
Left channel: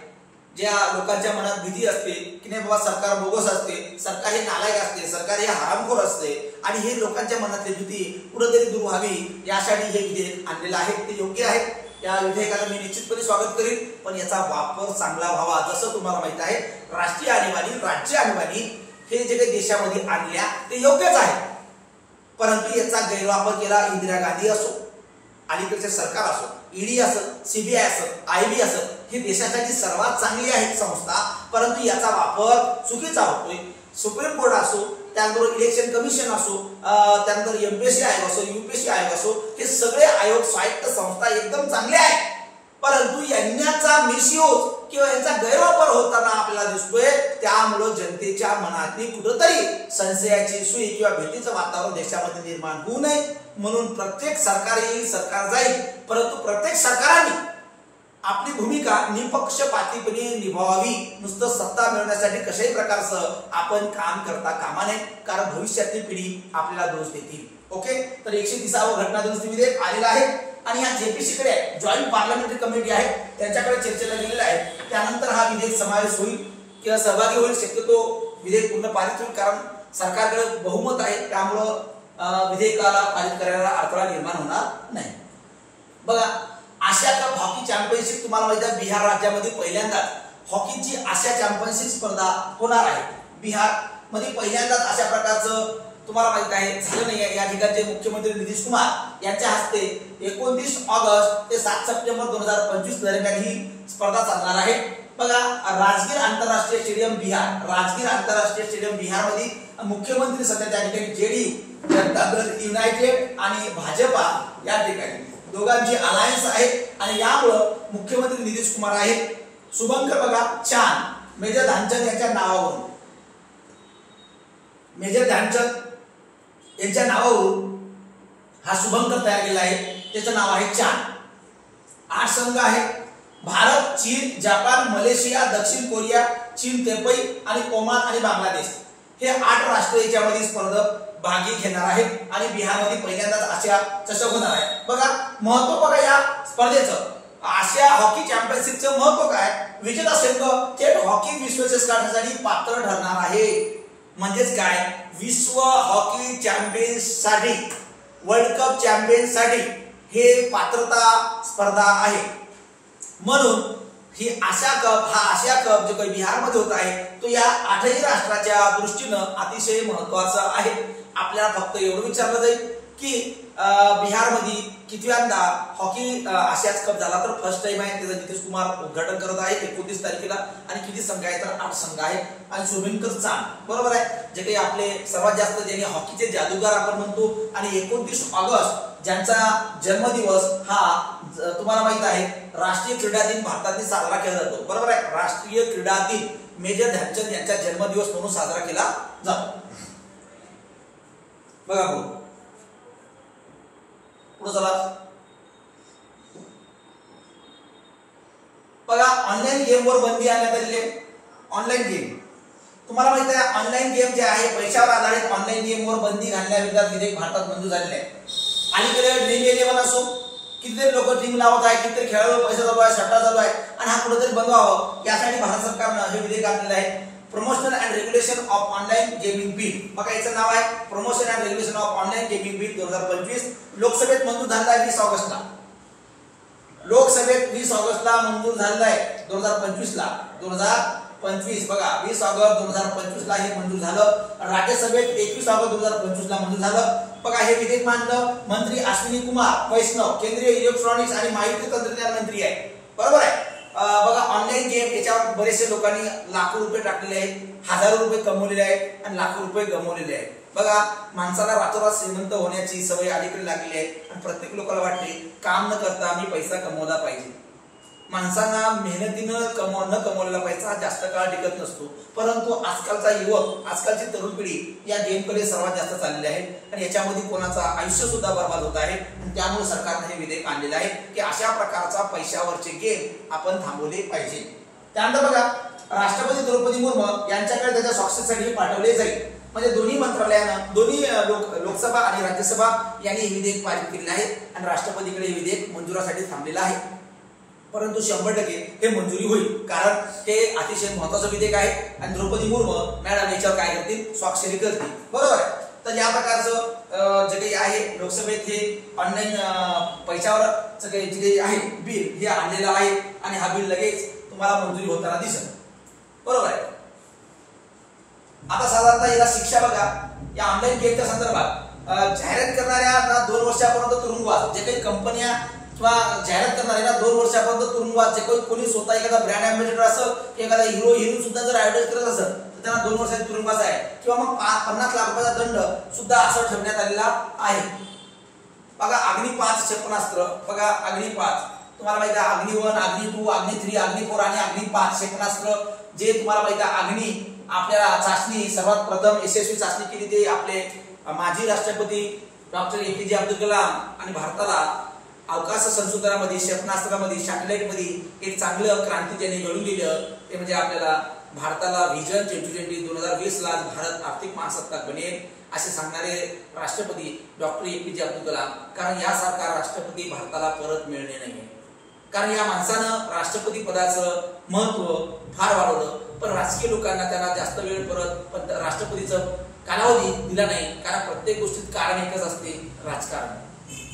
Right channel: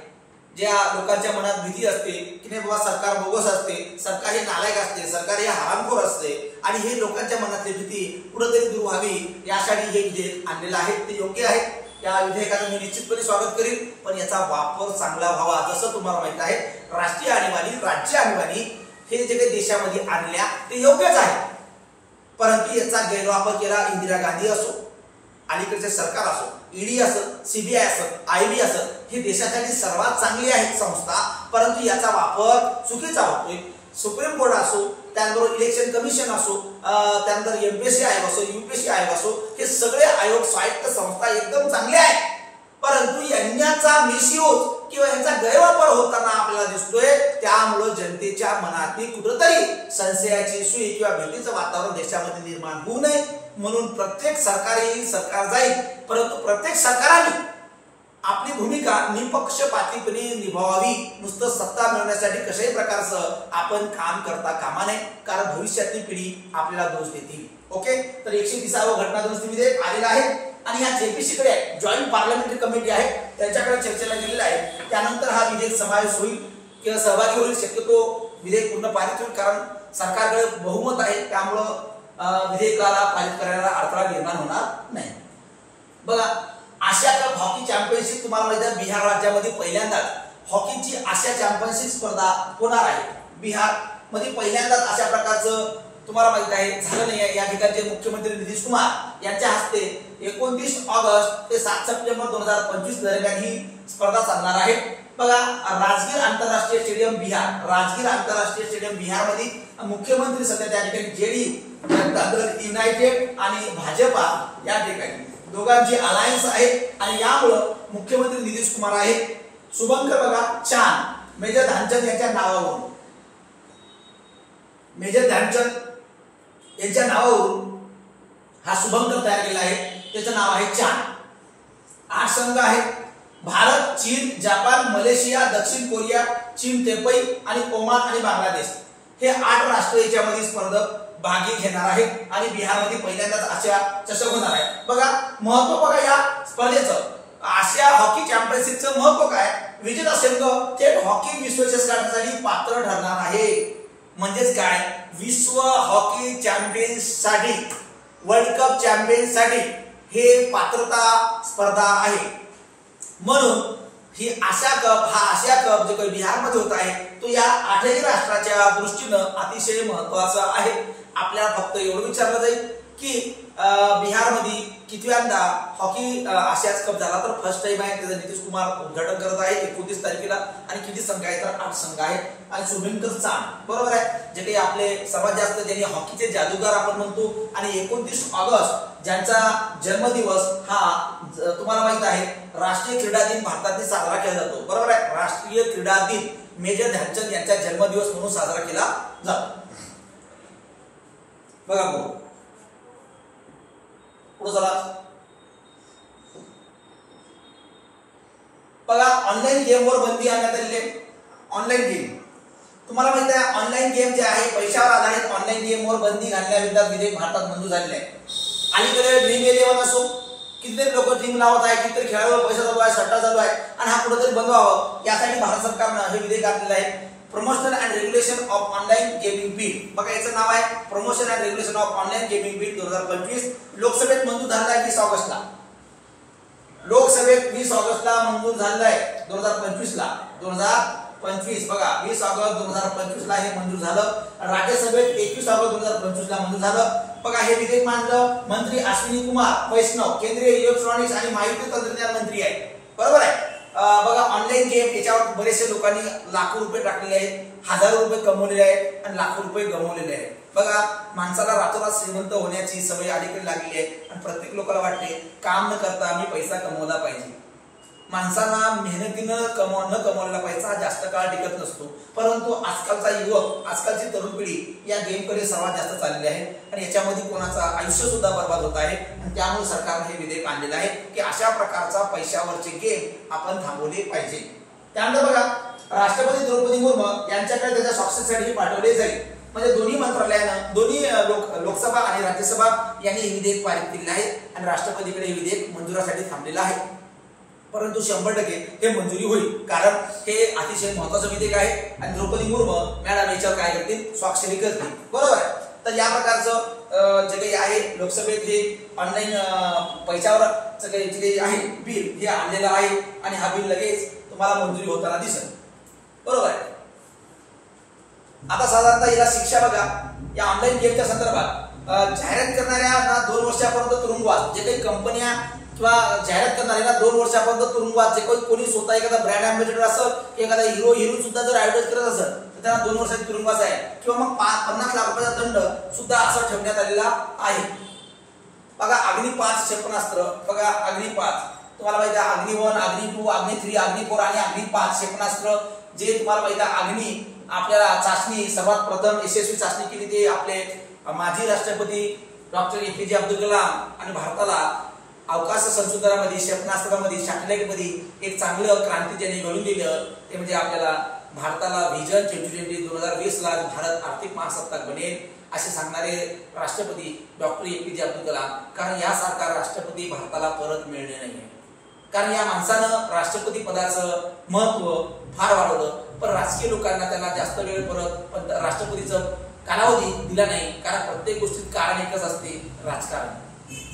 ज्या लोकांच्या मनात भीती असते की नाही बाबा सरकार बोगस असते, सरकार हे नालायक असते, सरकार हे हरामखोर असते, आणि हे लोकांच्या मनातली भीती कुठेतरी दूर व्हावी यासाठी हे विधेयक आणलेलं आहे. ते योग्य आहे. या विधेयकाचं मी निश्चितपणे स्वागत करीन, पण याचा वापर चांगला व्हावा. जसं तुम्हाला माहित आहे, राष्ट्रीय आणीबाणी, राज्य आणीबाणी हे जे काही देशामध्ये आणल्या ते योग्यच आहे, परंतु याचा गैरवापर केला इंदिरा गांधी असो, अलीकडचे सरकार असो, ईडी असेल, सीबीआय असेल, आयबी असेल, हे देशासाठी सर्वात चांगली आहेत संस्था, परंतु याचा वापर चुकीचा होतोय. सुप्रीम कोर्ट असो, त्यानंतर इलेक्शन कमिशन असो, त्यानंतर एमपीएससी आयोग असो, यूपीएससी आयोग असो, हे सगळे आयोग स्वायत्त संस्था एकदम चांगले आहेत, परंतु यांचा मिसयूज किंवा यांचा गैरवापर होताना आपल्याला दिसतोय. त्यामुळे जनतेच्या मनातली कुठेतरी संशयाची सुई किंवा भीतीचं वातावरण देशामध्ये निर्माण होऊ नये म्हणून प्रत्येक सरकार येईल, सरकार जाईल, परंतु प्रत्येक सरकारांनी आपली भूमिका निपक्षपातीपणे निभावावी. नुसतं सत्ता मिळवण्यासाठी कशाही प्रकारचं आपण काम करता कामा नये, कारण भविष्यातली पिढी आपल्याला दोष देतील. ओके, तर 130वं घटना दुरुस्ती विधेयक आलेलं आहे आणि ह्या जेपीसी कडे जॉईंट पार्लमेंटरी कमिटी आहे, त्यांच्याकडे चर्चेला गेलेला आहे. त्यानंतर हा विधेयक समावेश होईल किंवा सहभागी होईल. शक्यतो विधेयक पूर्ण पारित होईल, कारण सरकारकडे बहुमत आहे, त्यामुळं विधेयकाला पारित करण्याला अडथळा निर्माण होणार नाही. बघा, आशिया कप हॉकी चॅम्पियनशिप तुम्हाला माहिती आहे, बिहार राज्यामध्ये पहिल्यांदाच हॉकीची आशिया चॅम्पियनशिप स्पर्धा होणार आहे. बिहार मध्ये पहिल्यांदाच अशा प्रकारचं तुम्हाला माहित आहे झालं नाही. या ठिकाणचे मुख्यमंत्री नितीश कुमार यांच्या हस्ते 29 ऑगस्ट ते 7 सप्टेंबर 2025 दरम्यान ही स्पर्धा चालणार आहे. बघा, राजगीर आंतरराष्ट्रीय स्टेडियम बिहार, राजगीर आंतरराष्ट्रीय स्टेडियम बिहार मध्ये मुख्यमंत्री सध्या त्या ठिकाणी जेडीयू, जनता दल युनायटेड आणि भाजपा या ठिकाणी दोघांची अलायन्स आहे आणि यामुळं मुख्यमंत्री नितीश कुमार आहेत. शुभंकर बघा चान, मेजर ध्यानचंद यांच्या नावावरून, मेजर ध्यानचंद यांच्या नावावरून हा शुभंकर तयार केला आहे. त्याचं नाव आहे चान. 8 संघ आहेत. भारत, चीन, जपान, मलेशिया, दक्षिण कोरिया, चीन, तेपई आणि ओमान आणि बांगलादेश हे 8 राष्ट्र याच्यामध्ये स्पर्धक भागी घेणार आहेत आणि बिहारमध्ये पहिल्यांदाच आशिया चषक होणार आहे. बघा, महत्व बघा या स्पर्धेचं, आशिया हॉकी चॅम्पियनशिपचं महत्व काय? विजेता संघ थेट हॉकी विश्वचषकासाठी पात्र ठरणार आहे. म्हणजेच काय, विश्व हॉकी चॅम्पियनसाठी, वर्ल्ड कप चॅम्पियनसाठी हे पात्रता स्पर्धा आहे. म्हणून ही आशिया कप, हा आशिया कप जो काही बिहारमध्ये होत आहे तो या 8ही राष्ट्राच्या दृष्टीनं अतिशय महत्वाचा आहे. आपल्याला फक्त एवढं विचारलं जाईल की बिहारमध्ये कितव्यांदा हॉकी आशिया कप झाला, तर फर्स्ट टाइम आहे. त्याचं नितीश कुमार उद्घाटन करत आहे 29 तारखेला. आणि किती संघ आहेत, तर 8 संघ आहेत. आणि शुभंकर चान, बरोबर आहे, जे काही आपले सर्वात जास्त ज्यांनी हॉकीचे जादूगार आपण म्हणतो. आणि 29 ऑगस्ट ज्यांचा जन्मदिवस हा तुम्हाला माहित आहे, राष्ट्रीय क्रीडा दिन भारतातील साजरा केला जातो. बरोबर आहे, राष्ट्रीय क्रीडा दिन मेजर ध्यानचंद यांचा जन्मदिवस म्हणून साजरा केला जातो. बघा पुढे चला. बघा ऑनलाईन गेमवर बंदी आणण्यात आलेली आहे. ऑनलाईन गेम तुम्हाला माहिती आहे, ऑनलाईन गेम जे आहे पैशावर आधारित ऑनलाईन गेमवर बंदी घालण्याविरोधात विधेयक भारतात मंजूर झालेले आहे. अलीकडे ड्रीम11 असो, कितीतरी लोक ड्रीम लावत आहे, कितीतरी खेळाडू पैसा चालू आहे, सट्टा चालू आहे आणि हा कुठेतरी बंद व्हावं यासाठी भारत सरकारनं हे विधेयक आणलेलं आहे. Promotion and regulation of online gaming bill. बघा याचं नाव आहे promotion and regulation of online gaming bill 2025. लोकसभेत मंजूर झालेला आहे 20 ऑगस्टला. लोकसभेत 20 ऑगस्टला मंजूर झालेला आहे 2025ला. 2025 बघा 20 ऑगस्ट 2025 ला हे मंजूर झालं. राज्यसभेत 21 ऑगस्ट 2025 ला मंजूर झालं. बघा हे विधेयक मांडलं मंत्री अश्विनी कुमार वैष्णव, केंद्रीय इलेक्ट्रॉनिक्स आणि माहिती तंत्रज्ञान मंत्री आहे. बरोबर आहे. बघा ऑनलाईन गेम याच्यावर बरेचसे लोकांनी लाखो रुपये टाकलेले आहेत, हजारो रुपये कमवलेले आहेत आणि लाखो रुपये गमावलेले आहेत. बघा माणसाला रातोरात श्रीमंत होण्याची सवय अलीकडे लागलेली आहे आणि प्रत्येक लोकांना वाटते काम न करता मी पैसा कमवला पाहिजे. माणसांना मेहनतीनं न कमवलेला पैसा जास्त काळ टिकत नसतो. परंतु आजकालचा युवक, आजकालची तरुण पिढी या गेमकडे सर्वात जास्त चाललेली आहे आणि याच्यामध्ये कोणाचा आयुष्य सुद्धा बर्बाद होत आहे. आणि त्यामुळे सरकारने हे विधेयक आणलेलं आहे की अशा प्रकारचा पैशावरचे गेम आपण थांबवले पाहिजे. त्यानंतर बघा राष्ट्रपती द्रौपदी मुर्मू यांच्याकडे त्याच्या स्वाक्षरीसाठी पाठवले जाईल. म्हणजे दोन्ही मंत्रालयानं, दोन्ही लोकसभा आणि राज्यसभा यांनी हे विधेयक पारित केलेले आहे आणि राष्ट्रपतीकडे हे विधेयक मंजुरासाठी थांबलेलं आहे. परंतु 100% हे मंजुरी होईल, कारण हे अतिशय महत्वाचं विधेयक आहे आणि द्रौपदी मुर्मू मॅडम याच्यावर काय करतील, स्वाक्षरी करतील. बरोबर आहे. तर या प्रकारचं जे काही आहे लोकसभेत हे ऑनलाईन पैशावर जे काही आहे बिल हे आणलेलं आहे आणि हा बिल लगेच तुम्हाला मंजुरी होताना दिसेल. बरोबर आहे. आता साधारणतः याला शिक्षा बघा या ऑनलाईन गेमच्या संदर्भात जाहिरात करणाऱ्यांना 2 वर्षापर्यंत तुरुंगवास, जे काही कंपन्या किंवा जाहिरात करणाऱ्यांना 2 वर्षापर्यंत तुरुंगवास, जे कोणी स्वतः एखादा ब्रँड अँबॅसेडर असं, एखादा हिरो हिरोईन सुद्धा जर ऍडव्हर्टाइज करत असेल तर त्यांना 2 वर्षाचा तुरुंगवास आहे किंवा मग 50 लाख रुपयाचा दंड सुद्धा असं ठेवण्यात आलेला आहे. बघा अग्नी 5 क्षेपणास्त्र, बघा अग्नी 5 तुम्हाला माहिती आहे, अग्नी 1, अग्नी 2, अग्नी 3, अग्नी 4 आणि अग्नी 5 क्षेपणास्त्र जे तुम्हाला माहिती आहे. अग्नी आपल्याला चाचणी सर्वात प्रथम यशस्वी चाचणी केली ते आपले माजी राष्ट्रपती डॉक्टर APJ अब्दुल कलाम आणि भारताला अवकाश संशोधनामध्ये, क्षेपणास्त्रामध्ये, सॅटेलाइटमध्ये एक चांगलं क्रांती त्यांनी घडून दिलं. ते म्हणजे आपल्याला भारताला व्हिजन 2020 2020 ला भारत आर्थिक महासत्ताक बनेल असे सांगणारे राष्ट्रपती डॉक्टर APJ अब्दुल कलाम. कारण यासारखा राष्ट्रपती भारताला परत मिळणे नाहीये. कारण या माणसानं राष्ट्रपती पदाचं महत्व फार वाढवलं, पण राजकीय लोकांना त्यांना जास्त वेळ परत राष्ट्रपतीचं कालावधी दिला नाही. कारण प्रत्येक गोष्टीत कारण एकच असते, राजकारण.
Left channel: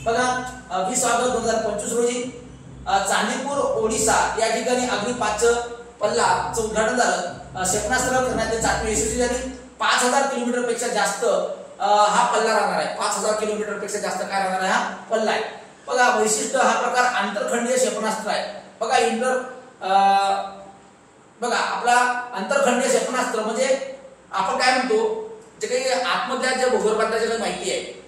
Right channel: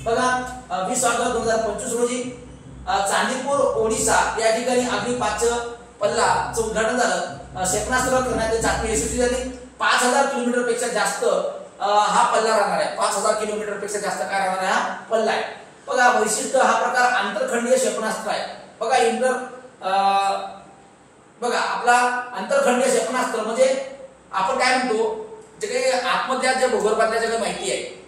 बघा 20 ऑगस्ट 2025 रोजी चांदीपूर ओडिशा या ठिकाणी अग्नी 5 पल्लाचं उद्घाटन झालं. क्षेपणास्त्र करण्यात चाचणी यशस्वी झाली. 5000 किलोमीटर पेक्षा जास्त हा पल्ला राहणार आहे. 5000 किलोमीटर पेक्षा जास्त काय राहणार आहे, हा पल्ला आहे. बघा वैशिष्ट्य, हा प्रकार आंतरखंडीय क्षेपणास्त्र आहे. बघा बघा आपला आंतरखंडीय क्षेपणास्त्र म्हणजे आपण काय म्हणतो, जे काही आतमधल्या ज्या भूगर्भातल्या ज्या काही माहिती आहे,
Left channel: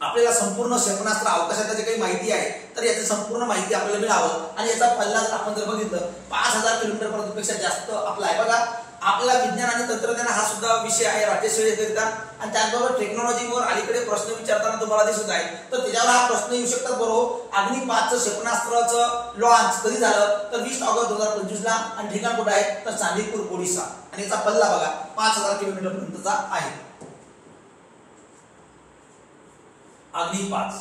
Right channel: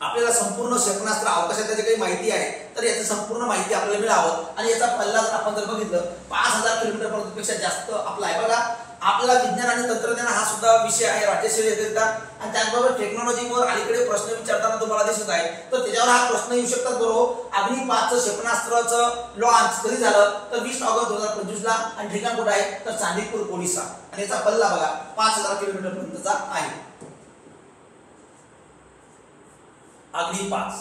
आपल्याला संपूर्ण क्षेपणास्त्र अवकाशातल्या जे काही माहिती आहे तर याची संपूर्ण माहिती आपल्याला मिळावं आणि याचा पल्ला जर आपण जर बघितलं 5000 किलोमीटर पेक्षा जास्त आपला आहे. बघा आपला विज्ञान आणि तंत्रज्ञान हा सुद्धा विषय आहे राज्यसेवेकरिता आणि त्याचबरोबर टेक्नॉलॉजीवर अलीकडे प्रश्न विचारताना तुम्हाला दिसत आहे. तर त्याच्यावर हा प्रश्न येऊ शकतात. बरोबर अग्नी 5 क्षेपणास्त्राचं लॉन्च कधी झालं तर 20 ऑगस्ट 2025 ला आणि ठिकाण कुठे आहे तर चांदीपूर ओडिशा आणि याचा पल्ला बघा 5000 किलोमीटर पर्यंतचा आहे. अग्नि 5.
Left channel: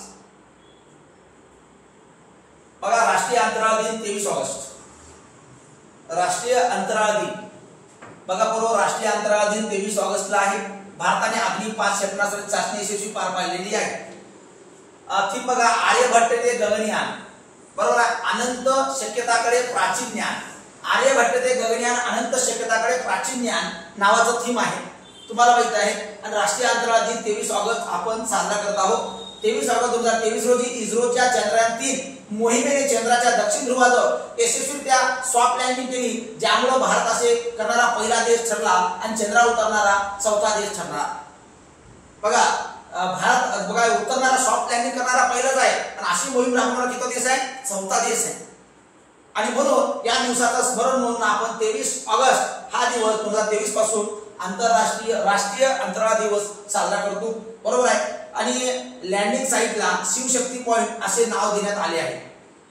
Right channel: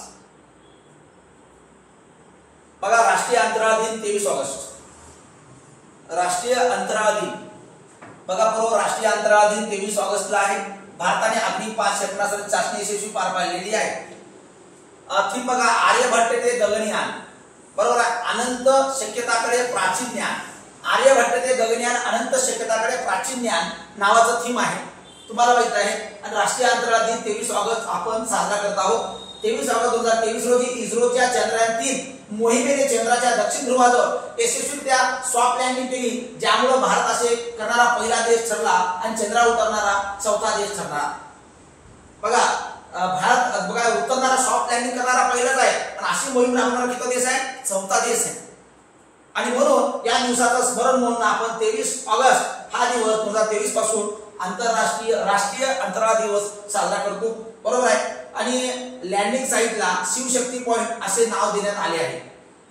बघा राष्ट्रीय अंतराळ दिन 23 ऑगस्ट. राष्ट्रीय अंतराळ दिन बघा बरोबर राष्ट्रीय अंतराळ दिन 23 ऑगस्टला आहे. भारताने अग्नि 5 क्षेपणास्त्राची चाचणी यशस्वी पार पाडलेली आहे. थीम बघा आर्यभट्ट ते गगनयान. बरोबर आहे. अनंत शक्यताकडे प्राचीन ज्ञान. आर्यभट्ट ते गगनयान अनंत शक्यताकडे प्राचीन ज्ञान नावाचं थीम आहे, तुम्हाला माहित आहे. आणि राष्ट्रीय अंतराळ दिन 23 ऑगस्ट आपण साजरा करत आहोत. 23 ऑगस्ट 2023 रोजी इस्रोच्या चंद्रयान 3 मोहिमेने चंद्राच्या दक्षिण ध्रुवाजवळ यशस्वीरित्या सॉफ्ट लँडिंग केली, ज्यामुळे भारत असे करणारा पहिला देश ठरला आणि चंद्रावर उतरणारा 4था देश ठरला. बघा भारत बघा उतरणारा सॉफ्ट लँडिंग करणारा पहिलाच आहे आणि अशी मोहीम राबवणारा किती देश आहे, 4था देश आहे. आणि म्हणून या दिवसाचं स्मरण म्हणून आपण 23 ऑगस्ट हा दिवस 2023 पासून राष्ट्रीय अंतराळ दिवस साजरा करतो. बरोबर आहे. आणि लँडिंग साईटला शिवशक्ती पॉइंट असे नाव देण्यात आले आहे.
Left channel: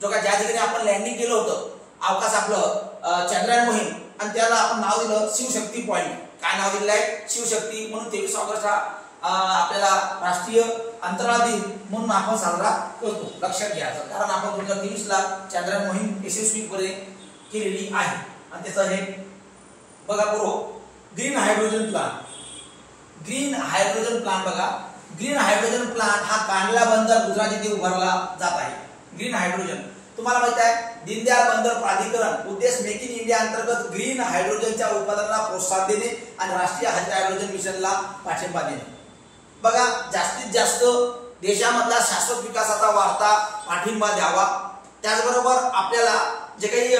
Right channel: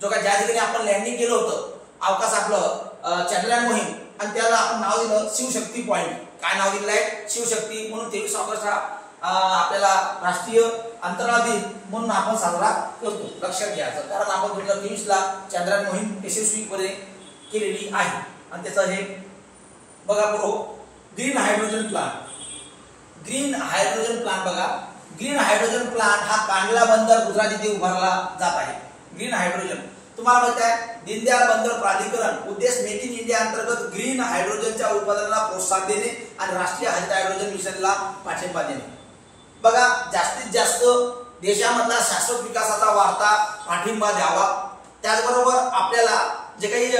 जो का ज्या ठिकाणी आपण लँडिंग केलं होतं अवकाश आपलं चंद्रयान मोहीम, आणि त्याला आपण नाव दिलं शिवशक्ती पॉइंट. काय नाव दिलेलं आहे? शिवशक्ती. म्हणून 23 ऑगस्ट हा आपल्याला राष्ट्रीय अंतराळ दिन म्हणून आपण साजरा करतो. लक्षात घ्यायचं, कारण आपण 2023 ला चंद्रयान मोहीम यशस्वीपणे केलेली आहे. आणि त्याचं हे बघा बरो green hydrogen plant. Green hydrogen plant बघा, ग्रीन हायड्रोजन प्लांट हा कांडला बंदर गुजरात येथे उभारला जात आहे. ग्रीन हायड्रोजन तुम्हाला माहित आहे, दीनदयाळ बंदर प्राधिकरण उद्देश मेक इन इंडिया अंतर्गत ग्रीन हायड्रोजनच्या उत्पादनाला प्रोत्साहन देणे आणि राष्ट्रीय हरित हायड्रोजन मिशनला पाठिंबा देणे. बघा, जास्तीत जास्त देशामधला शाश्वत विकासाचा वाढता पाठिंबा द्यावा. त्याचबरोबर आपल्याला जे काही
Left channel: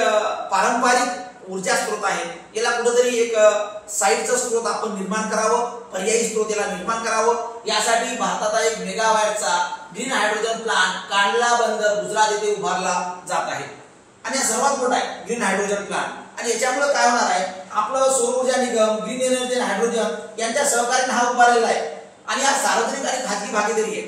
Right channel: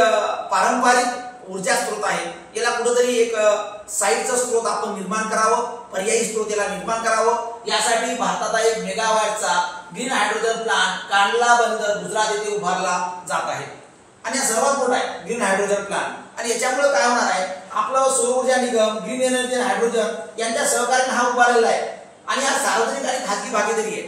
पारंपरिक ऊर्जा स्रोत आहे याला कुठेतरी एक साईडचा स्रोत आपण निर्माण करावं, पर्यायी स्रोत याला निर्माण करावं. यासाठी भारताचा 1 मेगावॅटचा ग्रीन हायड्रोजन प्लांट कांडला बंदर गुजरात येथे उभारला जात आहे. आणि हा सर्वात मोठा आहे ग्रीन हायड्रोजन प्लांट. आणि याच्यामुळे काय होणार आहे, आपलं सौर ऊर्जा निगम, ग्रीन एनर्जी आणि हायड्रोजन यांच्या सहकार्याने हा उभारलेला आहे. आणि हा सार्वजनिक आणि खाजगी भागीदारी आहे.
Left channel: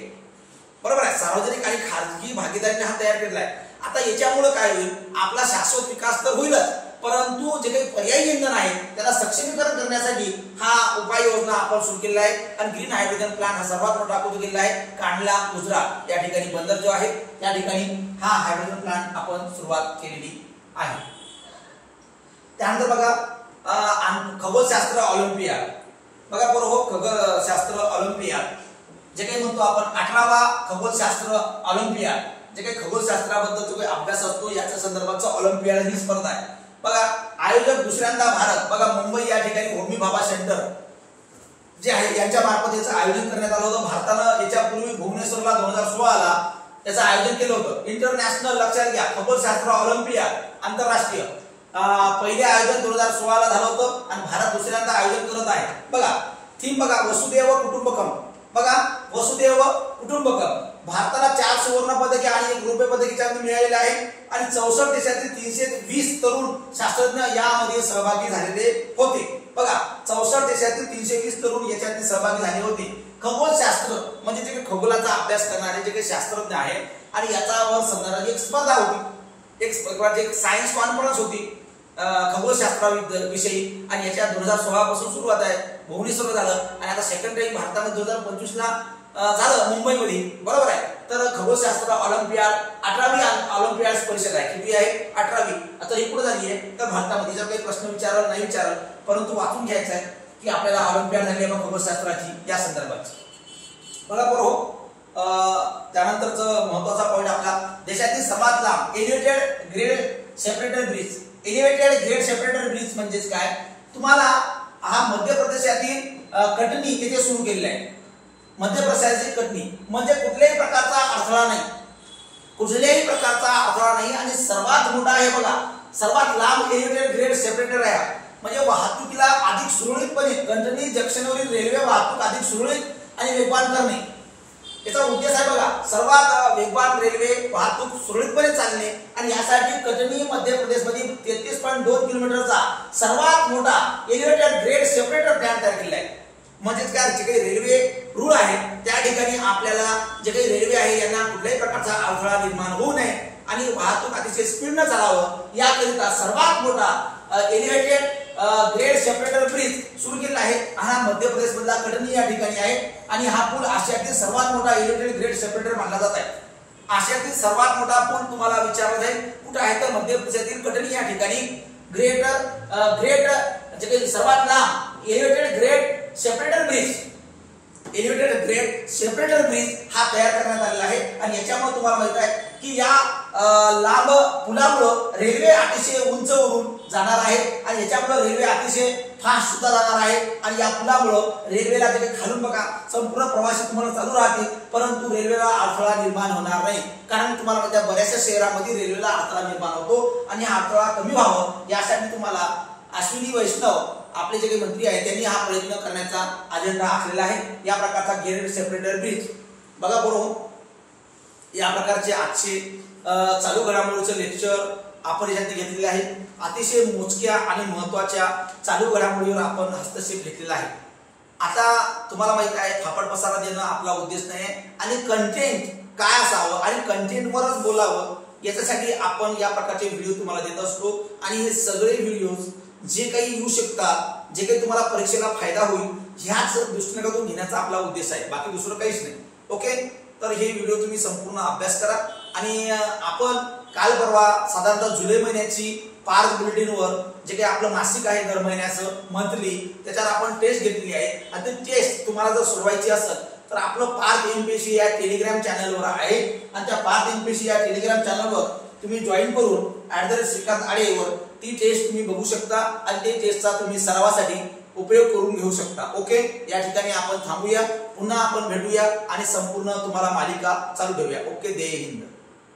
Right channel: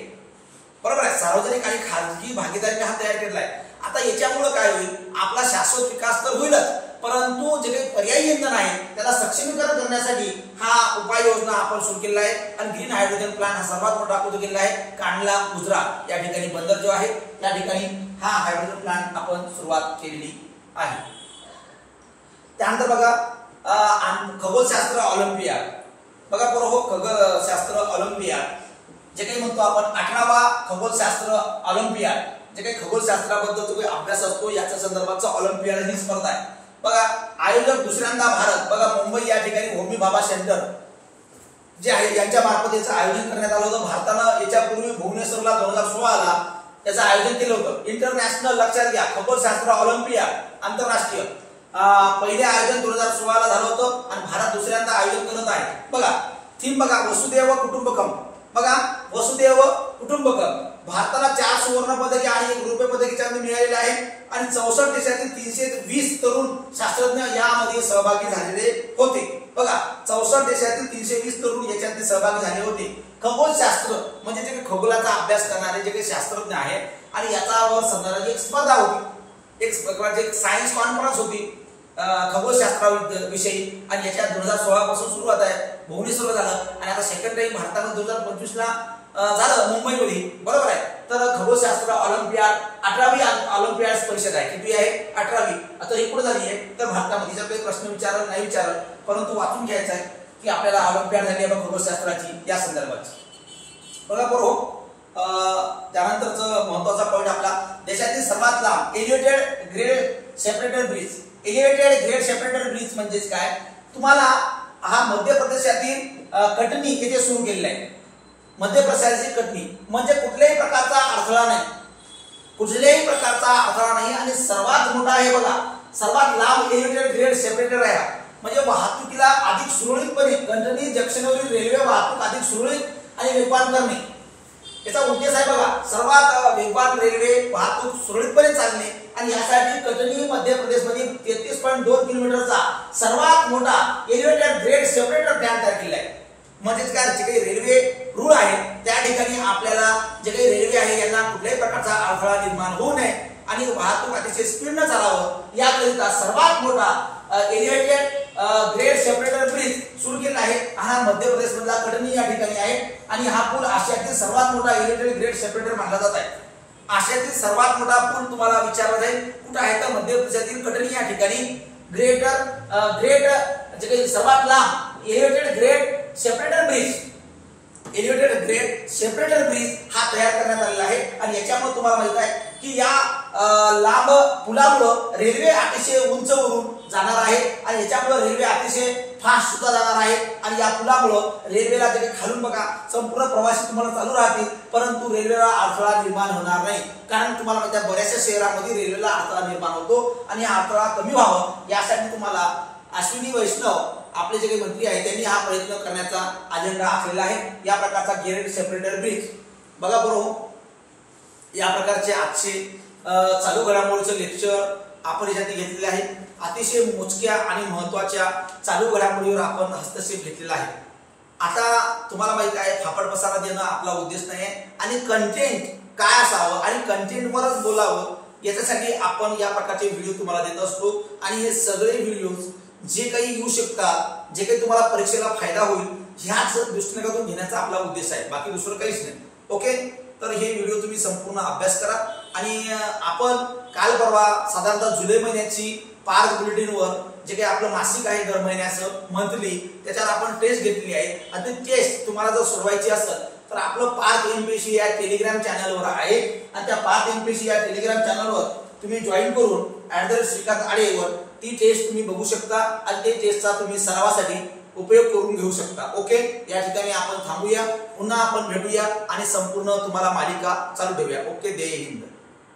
बरोबर आहे, सार्वजनिक आणि खाजगी भागीदारीने हा तयार केलेला आहे. आता याच्यामुळे काय होईल, आपला शाश्वत विकास तर होईलच, परंतु जे काही पर्यायी इंधन आहे त्याला सक्षमीकरण करण्यासाठी हा उपाययोजना आपण सुरू केलेला आहे. आणि ग्रीन हायड्रोजन प्लांट हा सर्वात मोठा आपण केलेला आहे कांडला गुजरात या ठिकाणी बंदर जो आहे त्या ठिकाणी हा हायड्रोजन प्लांट आपण सुरुवात केलेली आहे. त्यानंतर बघा खगोलशास्त्र ऑलिम्पियाड. बघा बरोबर, खगोलशास्त्र ऑलिम्पियाड जे काही म्हणतो आपण 18वा खगोलशास्त्र ऑलिम्पियाड, जे काही खगोलशास्त्राबद्दल जो काही अभ्यास असतो याच्या संदर्भातचा ऑलिम्पियाड ही स्पर्धा आहे. बघा, आयोजक दुसऱ्यांदा भारत. बघा, मुंबई या ठिकाणी होमी भाभा सेंटर जे आहे यांच्या मार्फत याचं आयोजन करण्यात आलं होतं. भारतानं याच्यापूर्वी भुवनेश्वरला 2016 ला याचं आयोजन केलं होतं. इंटरनॅशनल, लक्षात घ्या, खगोलशास्त्र ऑलिम्पियाड आंतरराष्ट्रीय पहिले आयोजन 2016 ला झालं होतं आणि भारत दुसऱ्यांदा आयोजन करत आहे. बघा, थीम बघा, वसुदैव कुटुंबकम. बघा, वसुदैव कुटुंबकम. भारताला 4 सुवर्ण पदके आणि 1 रौप्य पदक मिळालेले आहे. आणि 64 देशातील 320 तरुण शास्त्रज्ञ यामध्ये सहभागी झालेले होते. बघा, 64 देशातील 320 तरुण याच्यात सहभागी झाले होते. खगोलशास्त्र म्हणजे जे काही खगोलाचा अभ्यास करणारे जे काही शास्त्रज्ञ आहेत आणि याच्यावर संदर्भात एक स्पर्धा होती, एक प्रकारची सायन्स कॉन्फरन्स होती खगोलशास्त्राविषयी. आणि याच्या 2016 पासून सुरुवात आहे, भुवनेश्वर झालं आणि आता सेकंड टाइम भारतामध्ये 2025 ला झालं मुंबईमध्ये. बरोबर आहे. तर खगोलशास्त्र ऑलिम्पियाड 18वी ऑलिम्पियाड परिषद आहे. किती आहे? 18वी. आता ही पुढे झाली आहे. तर भारतामध्ये जर काही प्रश्न विचारला नाही विचारलं, परंतु वाचून घ्यायचं आहे की आपल्याला ऑलिम्पियाड झाली आहे खगोलशास्त्राची या संदर्भाची. बघा बरोबर, त्यानंतरचं महत्वाचा पॉईंट आपला देशातील सर्वात लांब elevated grade separator bridge. Elevated grade separator bridge म्हणजेच काय, तुम्हाला हा मध्य प्रदेशातील कटनी येथे सुरू केलेला आहे. मध्य प्रदेशाची कटनी म्हणजे कुठल्याही प्रकारचा अडथळा नाही, कुठल्याही प्रकारचा अडथळा नाही. आणि सर्वात मोठा आहे बघा, सर्वात लांब एलिव्हेटेड ग्रेड सेपरेटर आहे. म्हणजे वाहतुकीला अधिक सुरळीतपणे कटनी जंक्शनवरील रेल्वे वाहतूक अधिक सुरळीत आणि वेगवान करणे याचा उद्देश आहे. बघा, सर्वात वेगवान रेल्वे वाहतूक सुरळीतपणे चालणे आणि यासाठी कटनी मध्य प्रदेशमधील 33.2 किलोमीटरचा सर्वात मोठा एलिव्हेटेड ग्रेड सेपरेटर प्लॅन तयार केला आहे. म्हणजेच काय, जे काही रेल्वे रूळ आहे त्या ठिकाणी आपल्याला जे काही रेल्वे आहे यांना कुठल्याही प्रकारचा अडथळा निर्माण होऊ नये आणि वाहतूक अतिशय स्पीडनं चालावं याकरिता सर्वात मोठा एलिव्हेटेड ग्रेड सेपरेटर ब्रिज सुरू केला आहे. हा मध्य प्रदेश मधला कटनी या ठिकाणी आहे. आणि हा पूल आशियातील सर्वात मोठा एलिव्हेटेड ग्रेड सेपरेटर मानला जात आहे. आशियातील सर्वात मोठा पूल तुम्हाला विचारला जाईल कुठे आहे, तर मध्य प्रदेशातील कटनी या ठिकाणी ग्रेड जे काही सर्वात लांब elevated grade separator bridge, elevated grade separator bridge हा तयार करण्यात आलेला आहे. आणि याच्यामुळे तुम्हाला माहित आहे की या लांब पुलामुळे रेल्वे अतिशय उंचवरून जाणार आहे आणि याच्यामुळे रेल्वे अतिशय फास्ट सुद्धा जाणार आहे. आणि या पुलामुळे रेल्वेला जे काही खालून बघा संपूर्ण प्रवासी तुम्हाला चालू राहतील, परंतु रेल्वेला अडथळा निर्माण होणार नाही. कारण तुम्हाला माहिती आहे बऱ्याचशा शहरांमध्ये रेल्वेला अडथळा निर्माण होतो आणि हा अडथळा कमी व्हावं यासाठी तुम्हाला अश्विनी वैष्णव आपले जे काही मंत्री आहेत त्यांनी हा प्रयत्न करण्याचा अजेंडा आखलेला आहे. या प्रकारचा ग्रेड सेपरेटर ब्रिज. बघा बरोबर, या प्रकारचे आजचे चालू घडामोडीचं लेक्चर आपण याच्यात घेतलेले आहे. अतिशय मोजक्या आणि महत्त्वाच्या चालू घडामोडीवर आपण हस्तक्षेप घेतलेला आहे. आता तुम्हाला माहित आहे फापड पसारा देणं आपला उद्देश नाही आणि कंटेंट काय असावं आणि कंटेंटवरच बोलावं याच्यासाठी आपण या प्रकारचे व्हिडिओ तुम्हाला देत असतो आणि हे सगळे व्हिडिओज जे काही येऊ शकतात जे काही तुम्हाला परीक्षेला फायदा होईल ह्याच दृष्टिकोनातून घेण्याचा आपला उद्देश आहे, बाकी दुसरं काहीच नाही. ओके, तर हे व्हिडिओ तुम्ही संपूर्ण अभ्यास करा आणि आपण काल परवा साधारणतः जुलै महिन्याची पार्क बुलेटिनवर जे काही आपलं मासिक आहे दर महिन्याचं मंथली त्याच्यावर आपण टेस्ट घेतलेली आहे आणि ती टेस्ट तुम्हाला जर सोडवायची असेल तर आपलं पार्थ एमपीएससी या टेलिग्राम चॅनलवर आहे आणि त्या पार्थ एमपीएससी या टेलिग्राम चॅनलवर तुम्ही जॉईन करून @श्रीकांत आडेवर ती टेस्ट तुम्ही बघू शकता आणि ते टेस्टचा तुम्ही सरावासाठी उपयोग करून घेऊ शकता. ओके, या ठिकाणी आपण थांबूया, पुन्हा आपण भेटूया आणि संपूर्ण तुम्हाला मालिका चालू ठेवूया. ओके, जय हिंद.